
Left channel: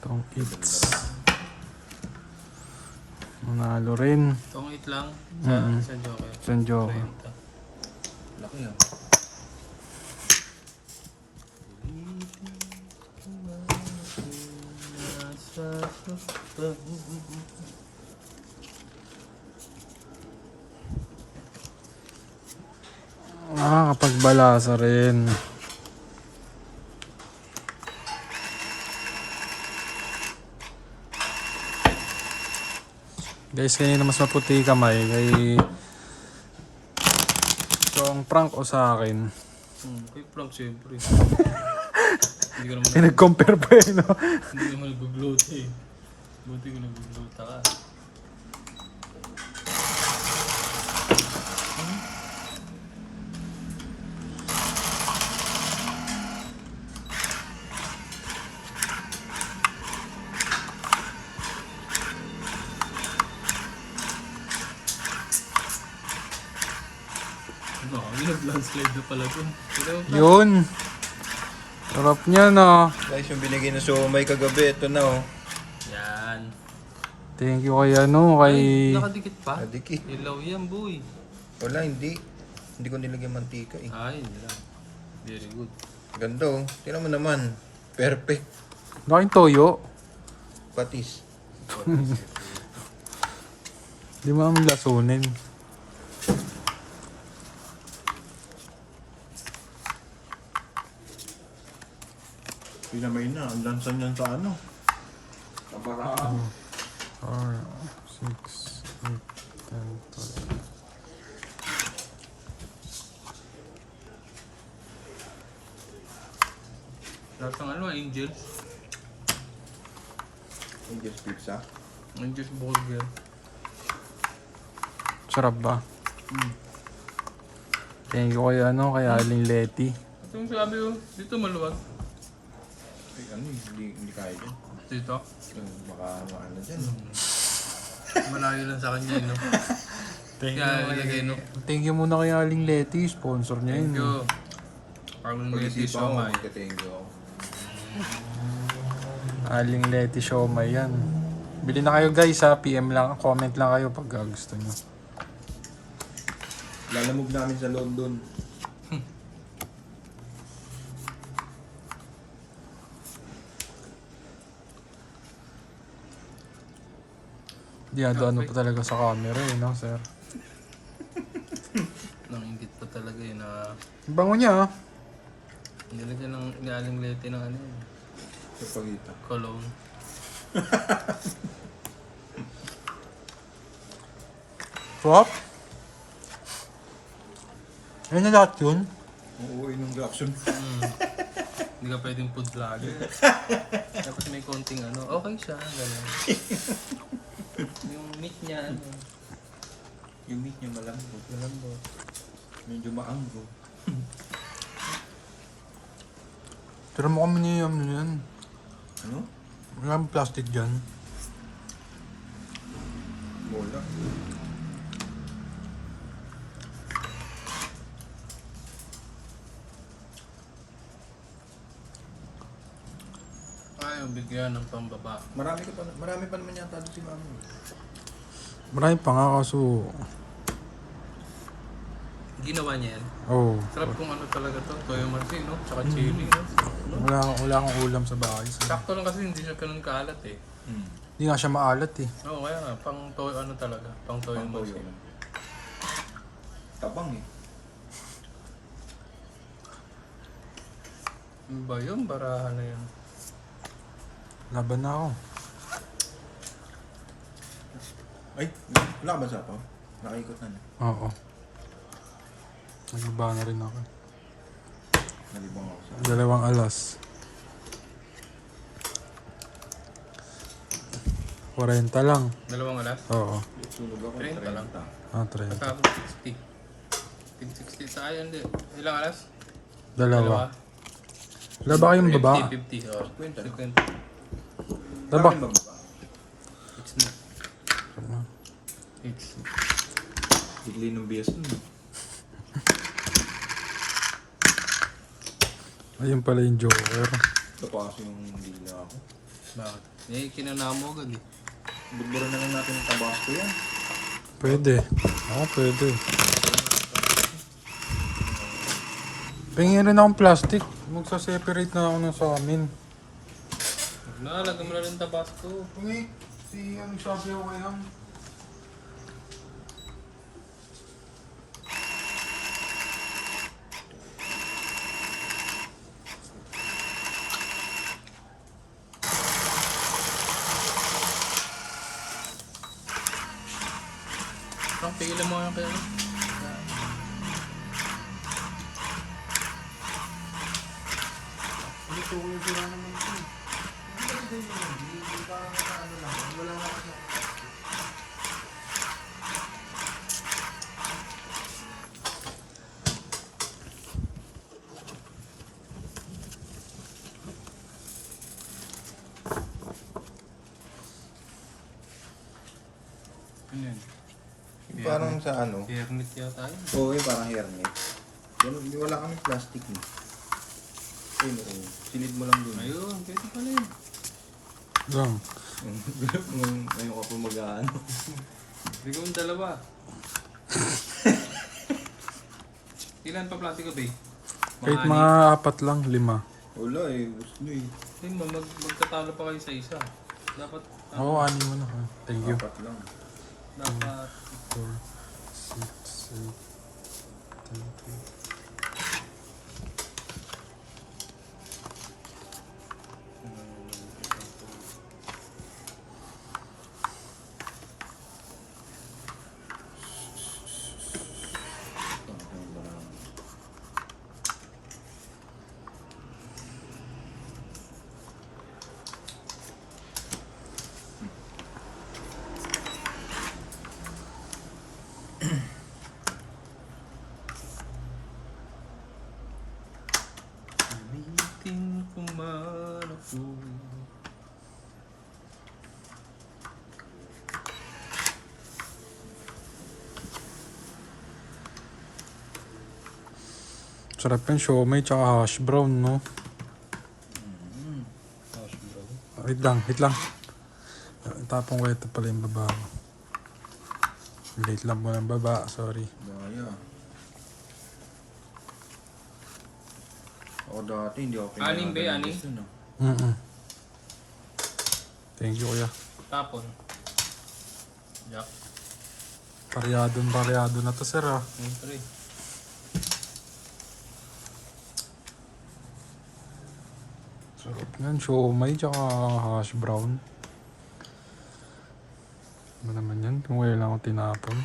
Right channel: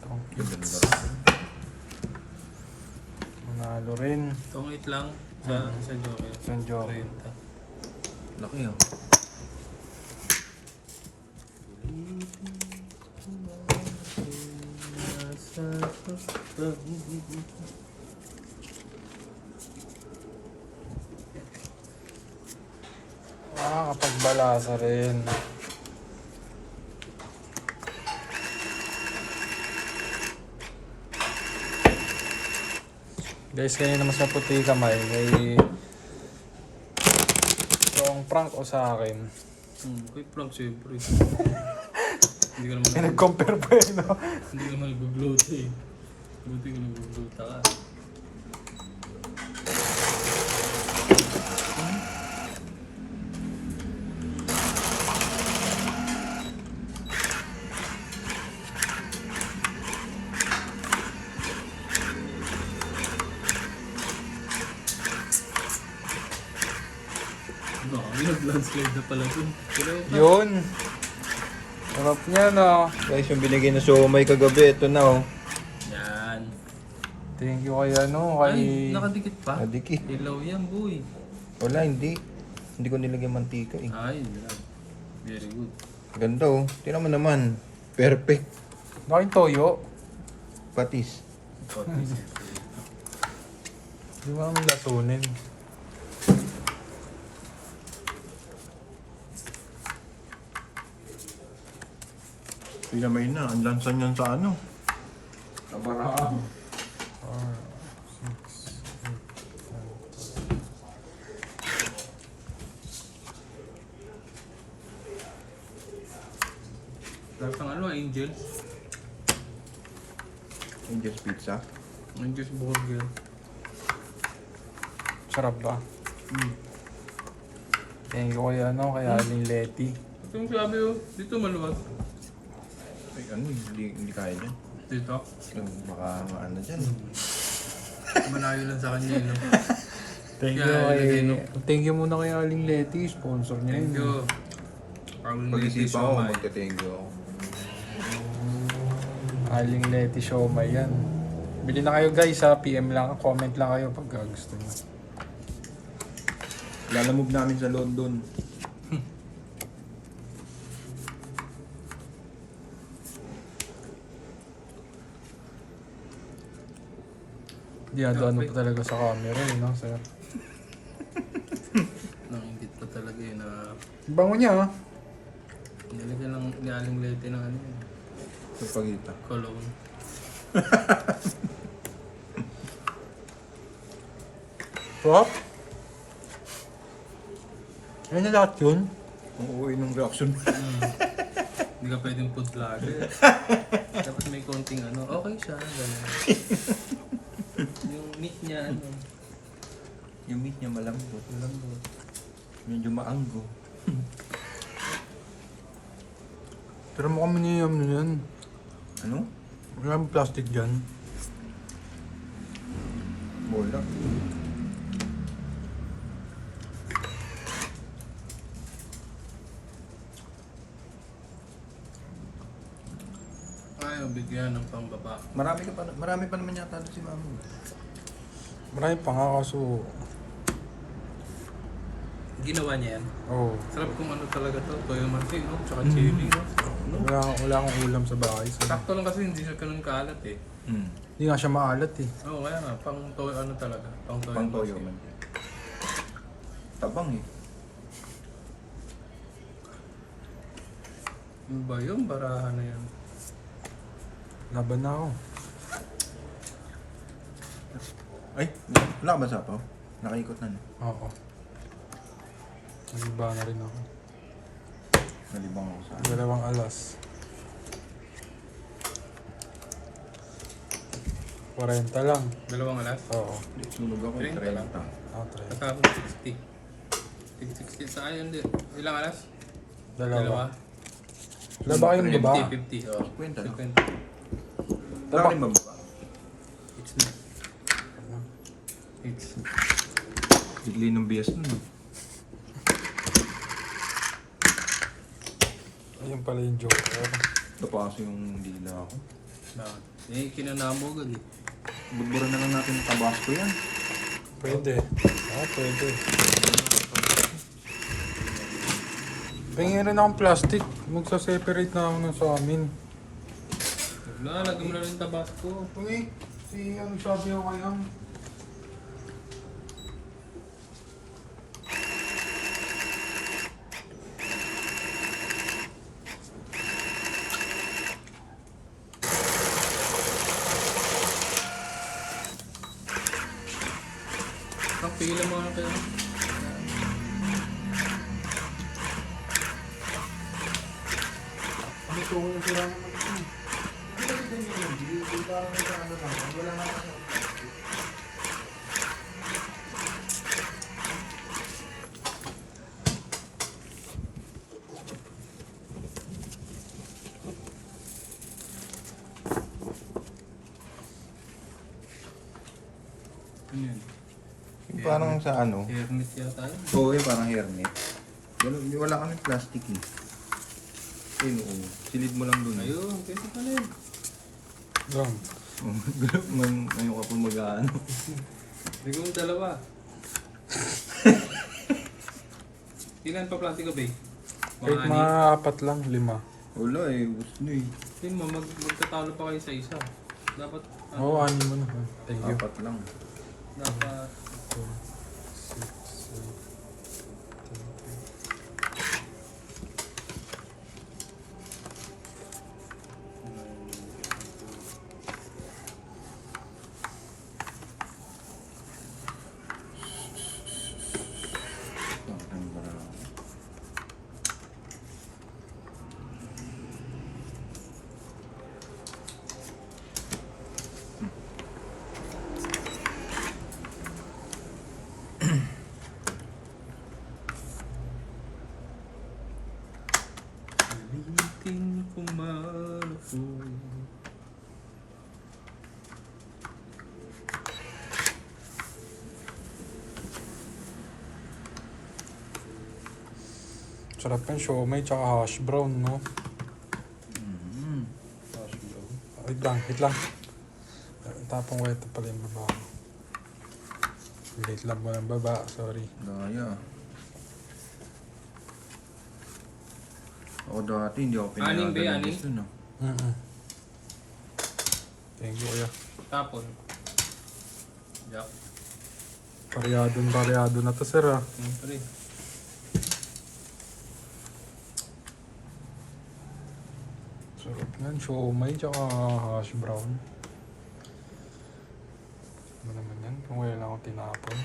Itong kids. Manalo rin. Tongit lang sa sa Joker. San Joker. 30. Laki ah. Kapag balasa rin. Guys, kanina mas maputi kamay kay itong prank o sa akin. Quick lang siyempre. Hindi ka naman, Pinag-compare pa eh, no? hindi ka naman nag-gloat eh. Buti ka nag-gloat ka. May nag-landslide na pala din. Pero Yun. Sarap niya, no? Guys, yung binigay na siomay kagabi, ito na oh. yan. Thank you kay ano, kay... Ay, nakadikit pa. Adiki. Ilaw yan, boy. Wala, hindi. Hindi ko nilagyan mantika eh. Ay, yan. Very good. Ganda oh. Tingnan mo naman. Perfect. Bakit toyo? Patis. Di mo kami lasunin. Pinamay na. Ang lansan yan sa ano. Kabaraan. 4, 6, 8, 10, 12. Lahat ng ano, Angels. Angel's Pizza. Angels Burger. Sarap ba? Thank you kay ano, kay Aling Leti. Ito yung sabi ko, dito maluwag. Ay, ano, hindi kaya dyan. Dito. Baka maano dyan. Malayo lang sa kanya, no? Thank you Yeah, kay... ilagay, no? Thank you muna kay Aling Leti, sponsor niya Thank yun. you. Ang ngiti Pag-isipan ko, so magka-thank you ako. Aling Leti Siomay yan. Bili na kayo guys ha, PM lang, comment lang kayo pag gusto nyo. Lalamove namin sa London. Diyado ano pa talaga sa camera eh, no sir? Nangingit pa talaga yun na Bango niya ha. nilagyan ng nialing lete ng ano, Sa pagita. cologne. Swap? Ayun na lahat yun. Uuwi ng reaction. Hindi ka pwedeng food vlogger. Tapos may konting ano, okay siya. Ganun. Yung meat niya, ano. Yung meat niya malambot. Malambot. Medyo maanggo. Tira mo kami niya yan. Ano? Wala plastic dyan. Bola. Ayaw bigyan ng pambaba. Marami pa naman yata doon si Mami. Marami pa nga kaso. Ginawa niya yan. Oh, Sarap kung ano talaga to. Toyo marfil, no? Tsaka chili, no? wala akong ulam sa bahay. So, Sakto lang kasi hindi siya ganun kaalat eh. hindi nga siya maalat eh. Oo, kaya nga. Pang toyo ano talaga. Pang toyo Pang toyo. marfil. Tabang eh. Ano ba yun? Barahan na yun. Laban na ako. Ay, wala ka ba sa po? Nakaikot na niya. Oo. Nagba na rin ako. Nalibang ko sa 2 alas. 40 lang. 2 alas? Oo. tulog ako. 30 lang. Try. Pagkakot 60. 60 sa ayan din. Ilang alas? 2. Wala ba kayong baba? 50. Oo. 50. 50. Diba? Bakit mababa? Fix na. Fix. Higli ng bias nun eh. Ayun pala yung joker. Ito pa kasi yung dila ako. Eh, kinanamogol eh. Bubura na lang natin yung tabasco yun. Pwede. Pwede. Pingin rin akong plastic. Magsa-separate na ako ng sa amin. Wala, lagyan mo na ng tabasco. Hindi. Ang sabi ko kaya. Pigilan mo na tayo. Gusto ko yung sila Ano yun? Parang sa ano? Hermit yata yun. Oo, yung parang hairnet. Wala kami plastic eh. Yun. Silid mo lang dun. Ayun, pwede pala yun. lang. Ngayon ka po mag-ano. Bigyan mo yung dalawa. Ilan pa plastiko ba eh? Kahit mga 4 lang, 5. Wala eh, gusto na eh. Yun mo, magtatalo pa kayo sa isa. Dapat, Oo, 6 mo na. Thank you. 4 lang. dapat, 4, 6, 8, 10. Ulitin ko man ako. Sarap yung siomay tsaka hash brown, no? Gosh, bro. Wait lang. Tapong ko ito pala yung baba. Late lang po ng baba, sorry. Daya. Ako dati hindi ako Aning ba, pinagalan aning? gusto na. Thank you, kuya. Tapon. Yeah. Pareado na to, sir, ah. Siyempre. Sarap yan, siomay tsaka hash brown. Ano naman yan? Kung wala lang akong tinapon.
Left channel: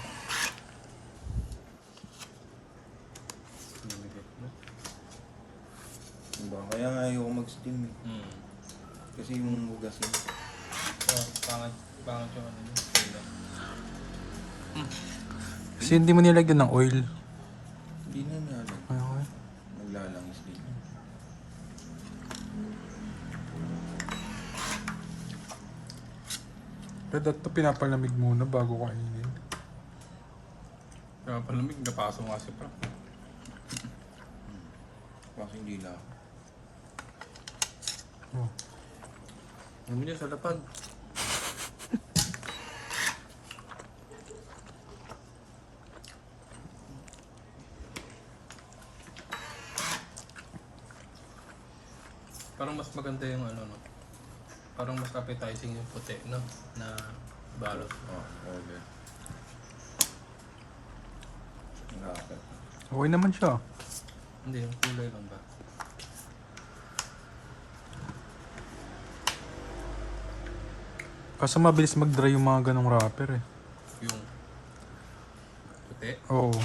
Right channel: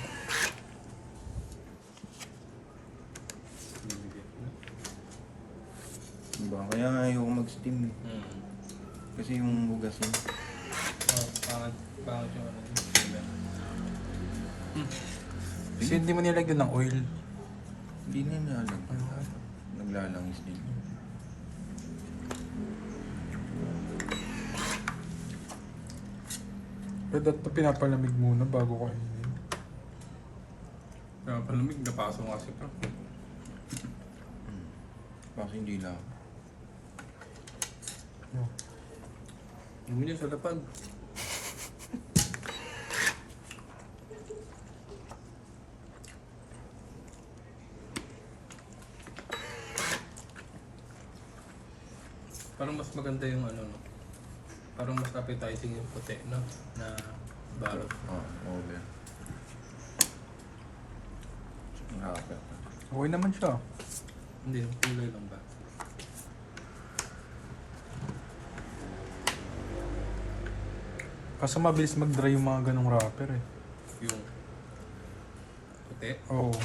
Diba? Kaya nga ayoko mag-steam eh. Kasi yung hugas yun. Pangat yung ano yun. Kasi hindi mo nilagyan ng oil. Hindi na nilalag. Okay. Naglalangis din. Pero dapat pinapalamig muna bago kainin. Kaya palamig, napaso nga si Park. Kasi hindi na ako. Oh. Yung niya sa lapag. Parang mas maganda yung ano, no? Parang mas appetizing yung puti, no? Na balot. Oo, okay. Grabe. Okay naman siya. Hindi, yung kulay lang ba? Kaso mabilis mag-dry yung mga ganong wrapper eh. Yung puti. Oo.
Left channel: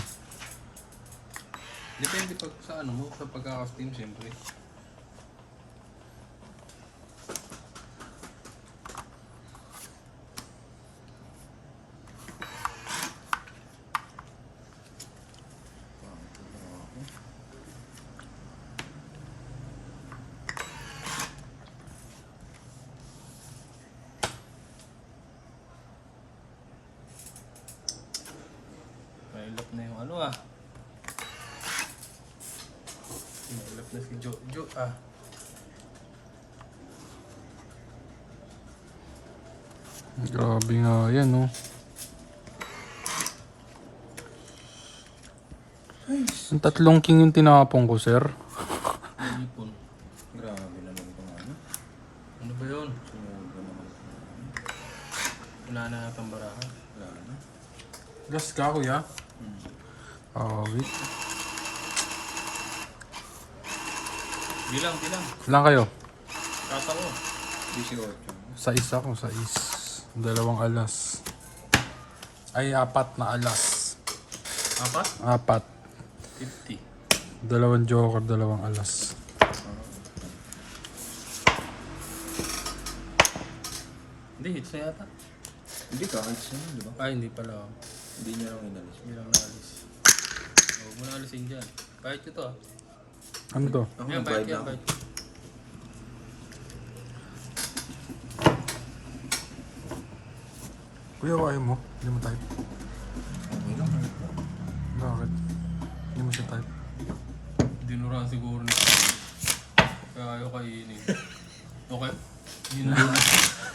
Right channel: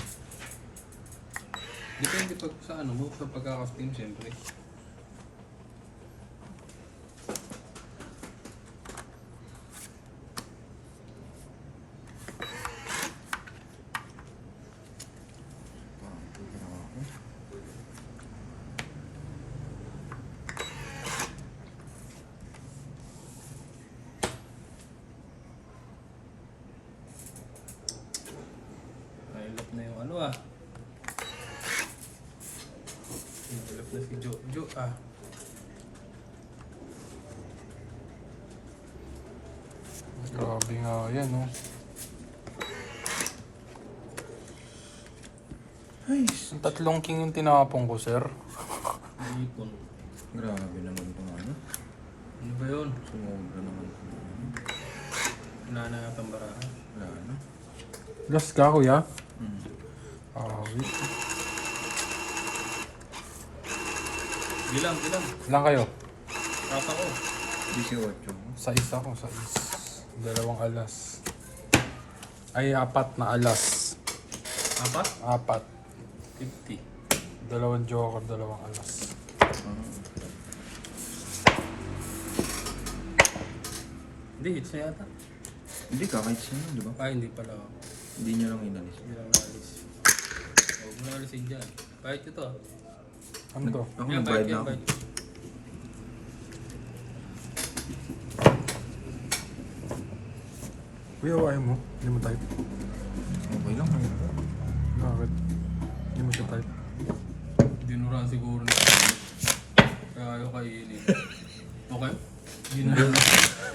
Depende pag sa ano mo, sa pagkaka-steam siyempre. Nailap na yung ano ah. Nailap na si Jojo ah. Grabe nga yan, no? Ang 3 king yung tinapong ko, sir. Nalipon. Grabe naman ito ano. Ano ba yun? Grabe naman ito. Wala na natang baraha. Grabe. Last ka, kuya? Wait. Bilang. Ilan kayo? Kasa ko. 18. Sa isa ko, sa 2 alas. Ay, 4 na alas. Apat? 4. 50. 2 joker, 2 alas. Hindi, hits na yata. Hindi ka, kahit sino, di ba? Hindi pala. Hindi niya lang inalis. Hindi lang naalis. Huwag mo naalisin dyan. Kahit ito. Ano to? Ako Yan, nagbayad kahit na yan, ako. kahit. Kuya, ayaw mo? Hindi mo type? Okay lang. Bakit? Hindi mo siya type? Dinura siguro na. Kaya ayaw kainin. Okay? Dinura.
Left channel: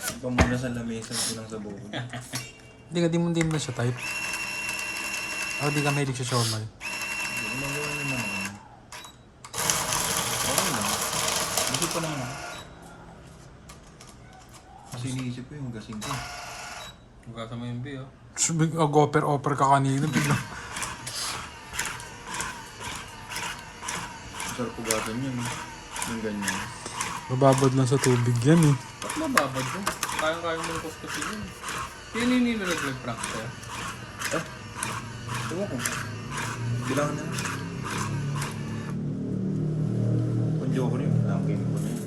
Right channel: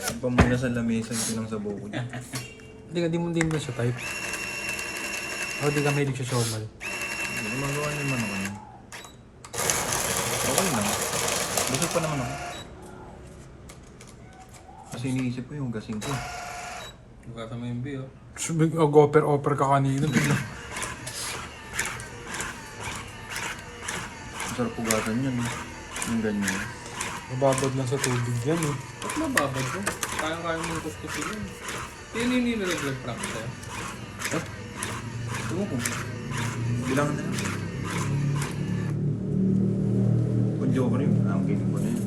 Ang pamuna sa lamesa yung pinang sa Hindi mo siya type. O, di ka mahilig sa shawmal. Ginagawa niyo naman. Okay lang. Busog pa naman ako. Kasi iniisip ko yung gasing ko. Magkasa mo yung B, oh. Subig, offer ka kanina. Bigla. Masarap ugasan yun. Yung ganyan. Mababad lang sa tubig yan eh. Ba't mababad ko? Kaya ng kuskusin yun. Kaya hindi mo nag-prank ko. Ito ko. Bilang na. Kung joker yun, pinig ko na yun.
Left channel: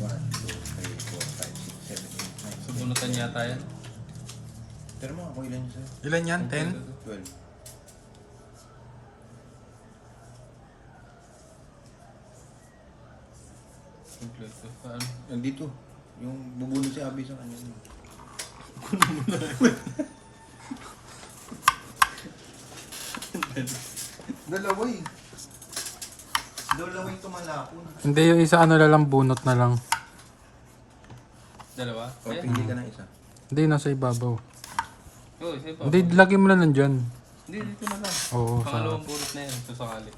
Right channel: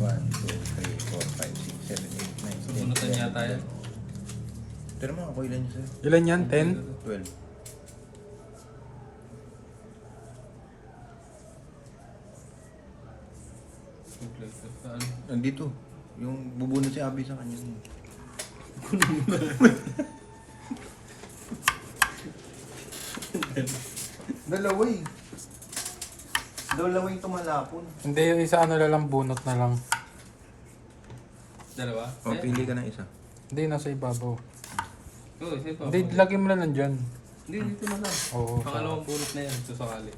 1, 2, 3, 4, 5, 6, 7, 8, 9. Subunutan yata yan. Pero makakoy lang yun sa'yo. Ilan yan? 10? 12. Kompleto. Saan? Nandito. Yung bubunod si Abby sa kanya. Dalawa eh. Dalawa yung tumalapon. Hindi, yung isa ano na lang, bunot na lang. Dalawa? O, pili ka na isa. Hindi, nasa ibabaw. Oo, sige pa. Hindi, lagi mo lang nandyan. Hindi, dito na lang. Oo, Pangalawang pulot na yan. Sasakali.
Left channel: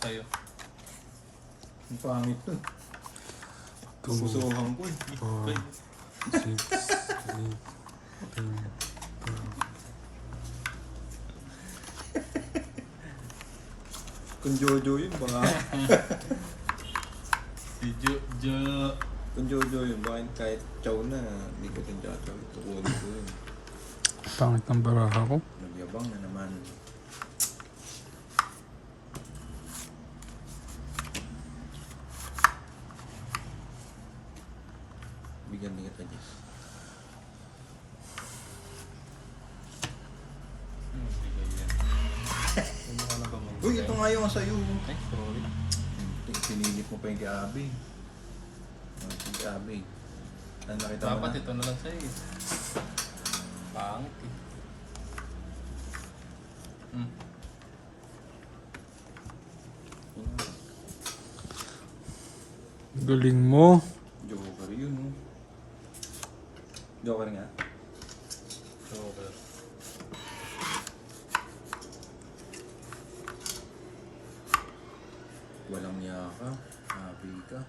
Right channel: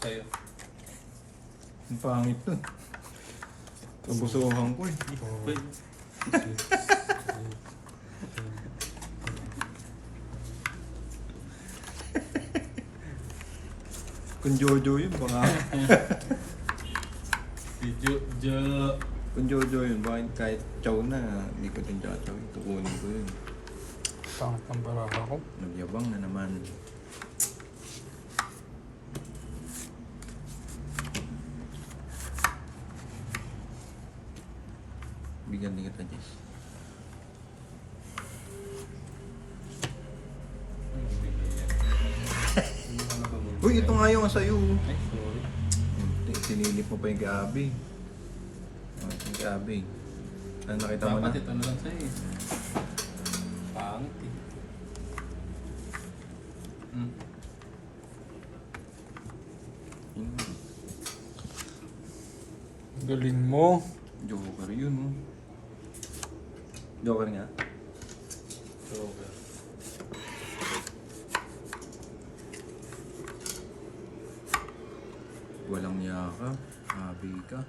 Sa'yo. Ang pangit to. Tubusuhan ko eh. 4, 6, 8, 10. Kung Jojo yun, baka... Si Jo. Kung Jojo yun, baka kahit chow na, hindi ko din Jojo. Tukunin ko yun. Pangit ng baraha ko. Nagyabang na naman. Bigyan din kita, Jess. nga sa'yo. Ay, sorry. Pinilit mo pa yung gabi. Yung gabi. Ano nakita mo Dapat na? ito na lang sa'yo. Pangit eh. Galing mo. Joker yun, oh. Joker nga. Over. Walang yaka. Gabi ka.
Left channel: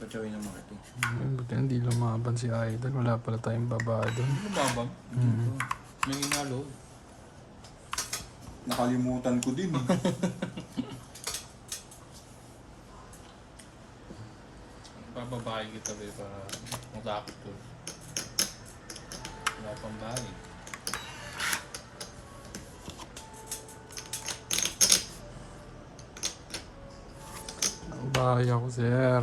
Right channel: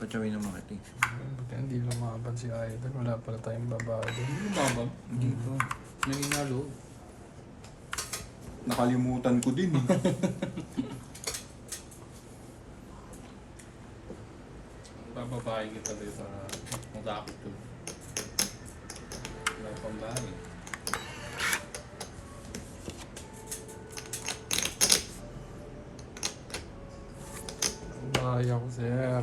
Patsawin ng mga ito. Buti hindi lumaban si Idol. Wala pala tayong babae doon. Ano babag? Dito. May ingalo. Nakalimutan ko din eh. Bababae kita ba ito na matakot to. Wala pang bahay. Bahay ako, sir.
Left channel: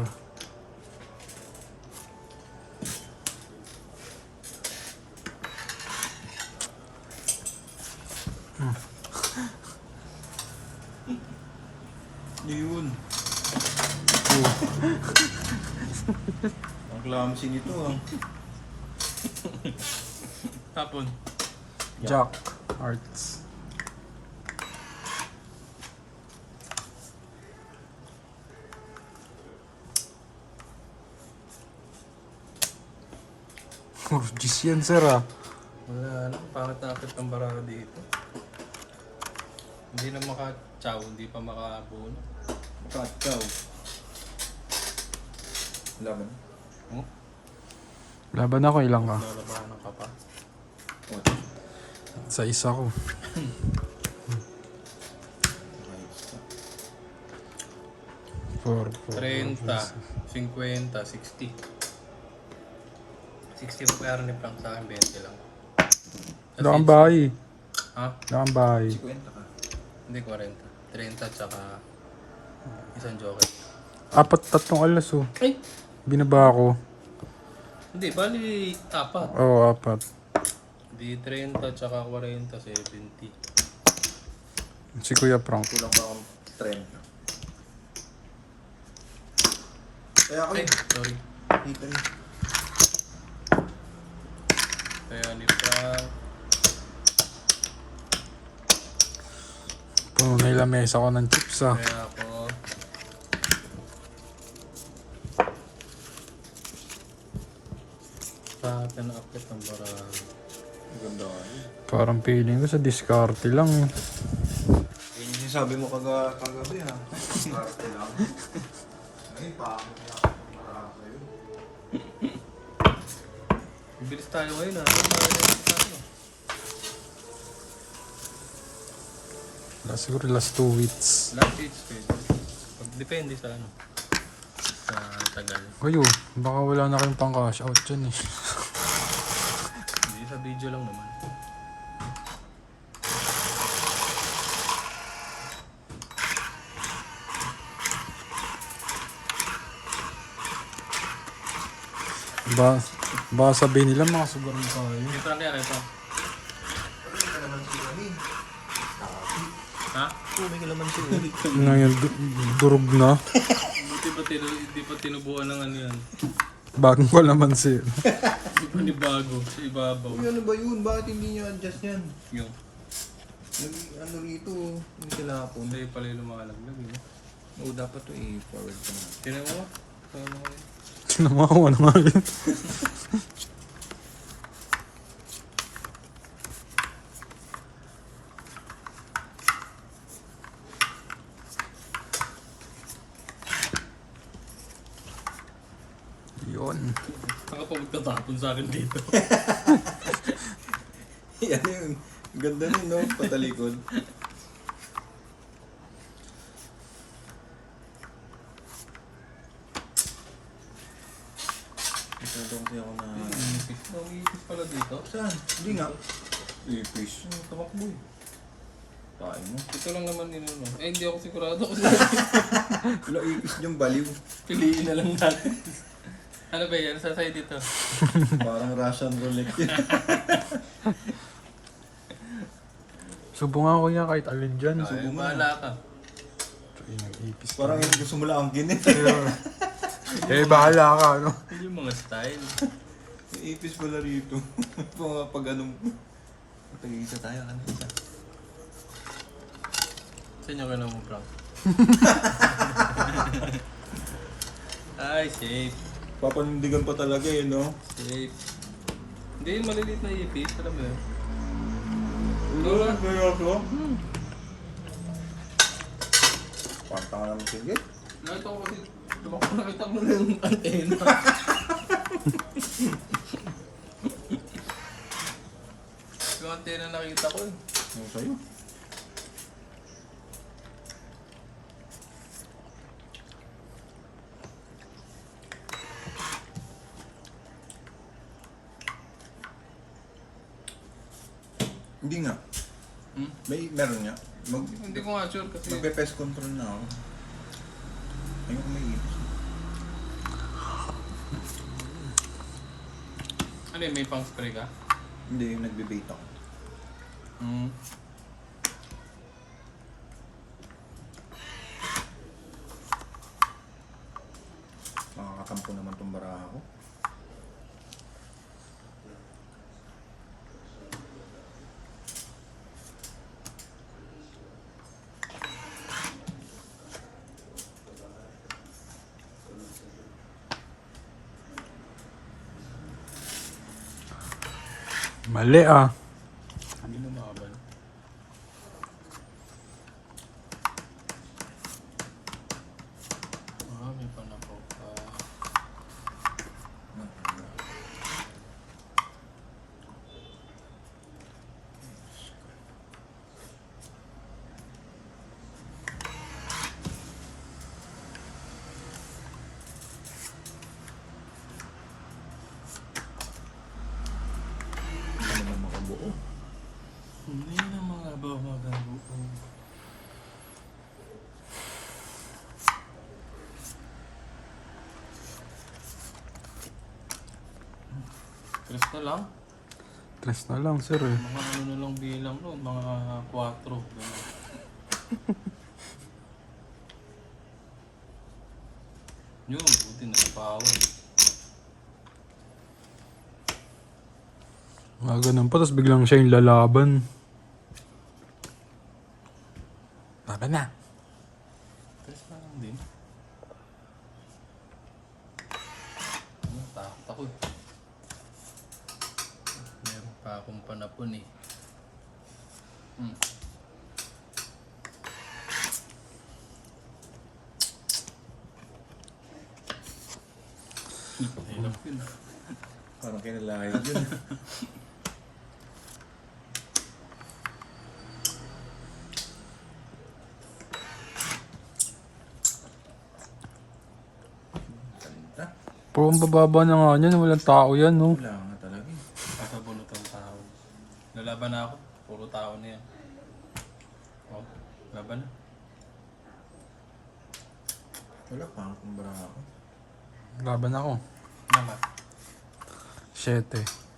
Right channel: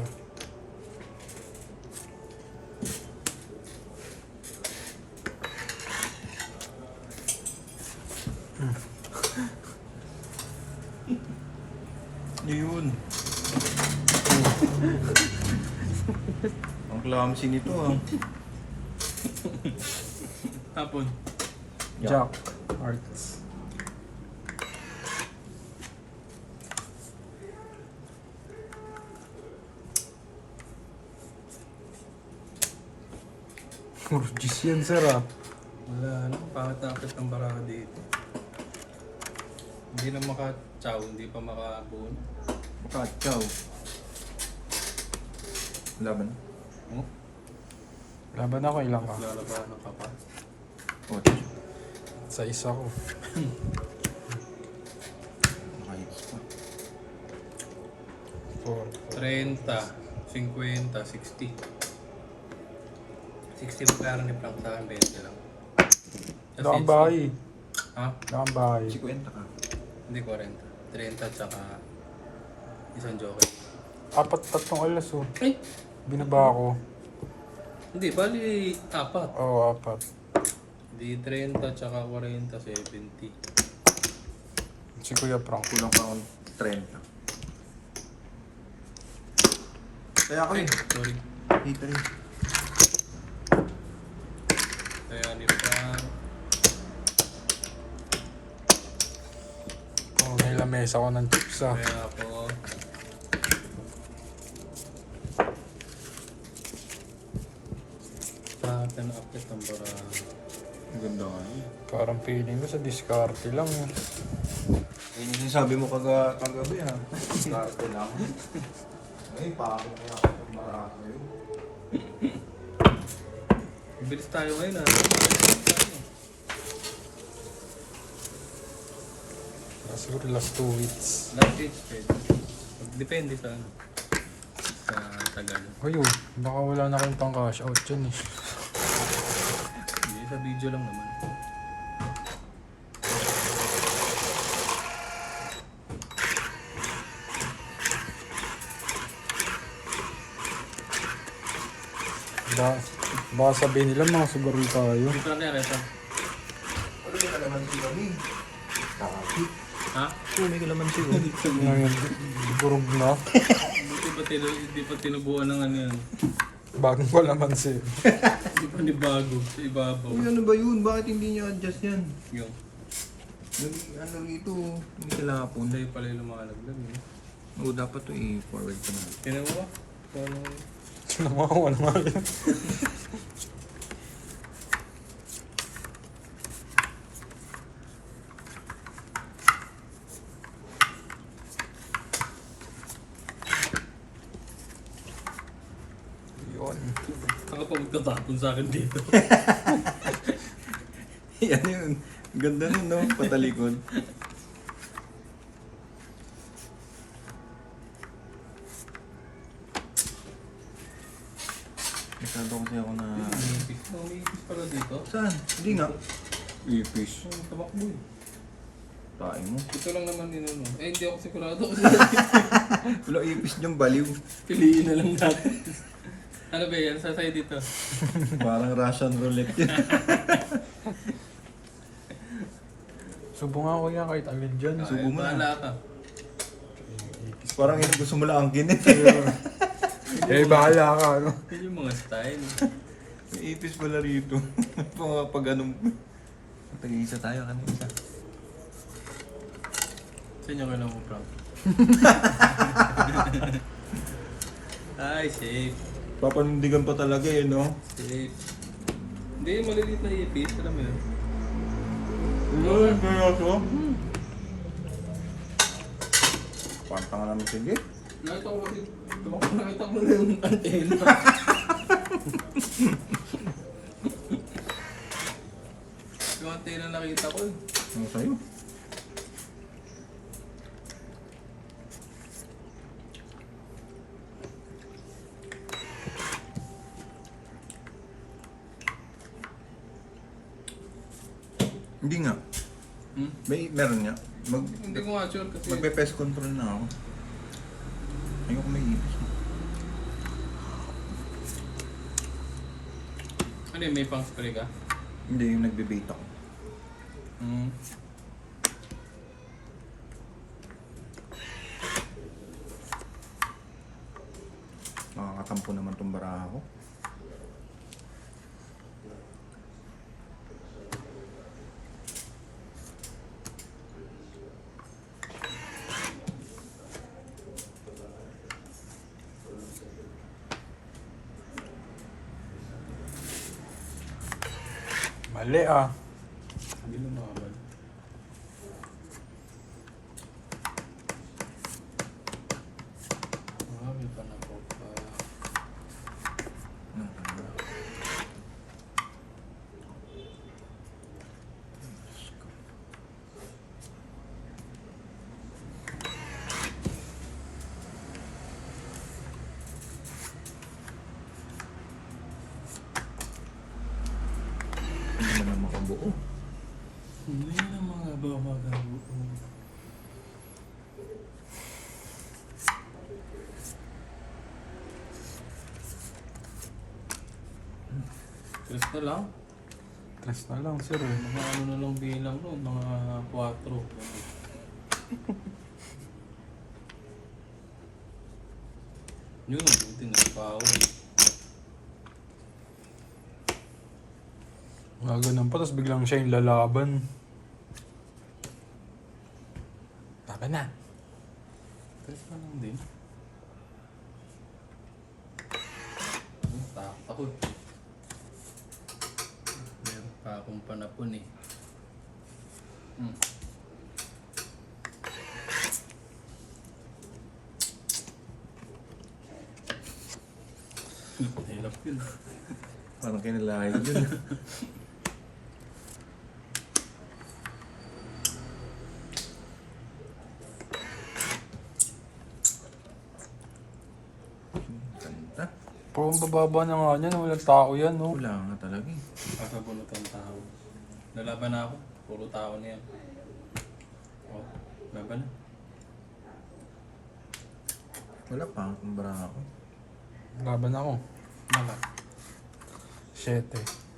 Hindi yun. Ang clumsy nito ah. Hapon. Jack. Hearts. Urgis yan, sir, ah. Wala na. Pangat-nakit ang baraka dito. Hindi na maka-chow. Hindi pa maka-abon. Pakachaw. Laban. Oh, Laban ako, ilang ka? lalabanan ka pa. Oh. Sa isa ko. Ayos ko. 30, 50, 60. 60 na pera ni Frank sa akin, 20 lang. Wala kang bahay. Ha? Wala kang bahay. 50 ka. Hindi 40. 30 tsaka isang joker. Tatlong alas, oh. Eh! Binaba ako. Hindi, bali 4. Oo, 4. Di 30 tsaka 40, 70. Si Kuya Frank. Kulang pa akong 30. Kaya ako Ay, sorry. dito eh. Kaya ni Frank. May lamesa ko ng chips, ah. Kaya ako. Bakit na upload ng bara? Ang ganda ka eh. Parang feeling ko sa diskarte lang, eh. Yan yung sinasabi mo kagabi ha. Karte lang. Ay, pa ako marami. Bilis tayo ngayon ha. Siguro last 2 weeks. Last stage kayo. Depende sa ano. Sa tagal. Ayo, baka wala na kayong pang cash out dyan, eh. Hindi, sa video lang naman. Baka sabihin nila makasugarol tayo. Dito na ito. Ano ka naman si Gabi? Ha? Hindi ka naman si Gabi. Ngayon, durog na. Hindi pa tinubuan ng ano yan. Bagong ko naman si... Hindi pa ni bago. Sa ibabaw. Uy, ano ba yun? Bakit hindi niya adjust yan? Yung. Ano rito? Hindi sila hapon. Sa'yo pala yung lumakalaglag. Eh. Oo, dapat to i-forward ko na. Tinan mo. Paano? Sinamawa na nga rin. Yun. Saka pa magtatapon sa akin dito. Yan yun. Ganda nun, no? Patalikon. Masyado kasi ako na... Umipis pala dito. Saan? Hindi nga. Ipis. Tumakbo eh. Kain mo. Ito lang naman ninuno. Eh hindi ako sigurado. Wala ipis niyang baliw. Piliin na lang natin. Ano ba yan? Sasay dito. Parang Russian roulette. Subo nga kuya kahit alin dyan. Subo mo na. Bahala ka. Parang yung gusto mo lang ang ginit. Eh, bahala ka, ano? Yun yung mga style. May ipis pala rito. Pag anong... Tingin isa tayo, ano isa? Saan yung ganun mo, Frank? Ay, safe. Papanindigan pa talaga eh, no? Safe. Hindi, yung maliliit na ipis. Alam mo yun. Seryoso? Pantanga mo, sige. Nakita ko kasi, nakita mo na yung antena. Yung antena nakita ko. Ano sa'yo? Hindi nga. Meron nga. Hindi ko nga sure kasi. Magpe-pest control na ako. Ayoko may ipis. Ano yun, may pang spray ka? Hindi, nagbe-bait ako. Makakatampo naman tong baraha ko. Mali ah. Hindi mo makabal. May panakot pa. Ano naman itong buo? Hindi na mga bawagan buo. Chris na lang. Tres na lang, sir eh. Mga ano na lang bilang no, mga 4. Yun, buti na power. Ganun pa, tapos biglang siya yung lalaban. Baba na. Chris pa lang din. Takot ako. Meron pa akong panapon eh. Hilap yun. Parang kinalayo dun. Ganda. Pero ang bababa na nga niyan, walang tao yan, no? Wala nga talaga eh. Kapabunutan tao. Lalaban na ako. Puro tao na yan. Oh, laban. Wala pa ang baraha ko. Laban ako. Laban. 7.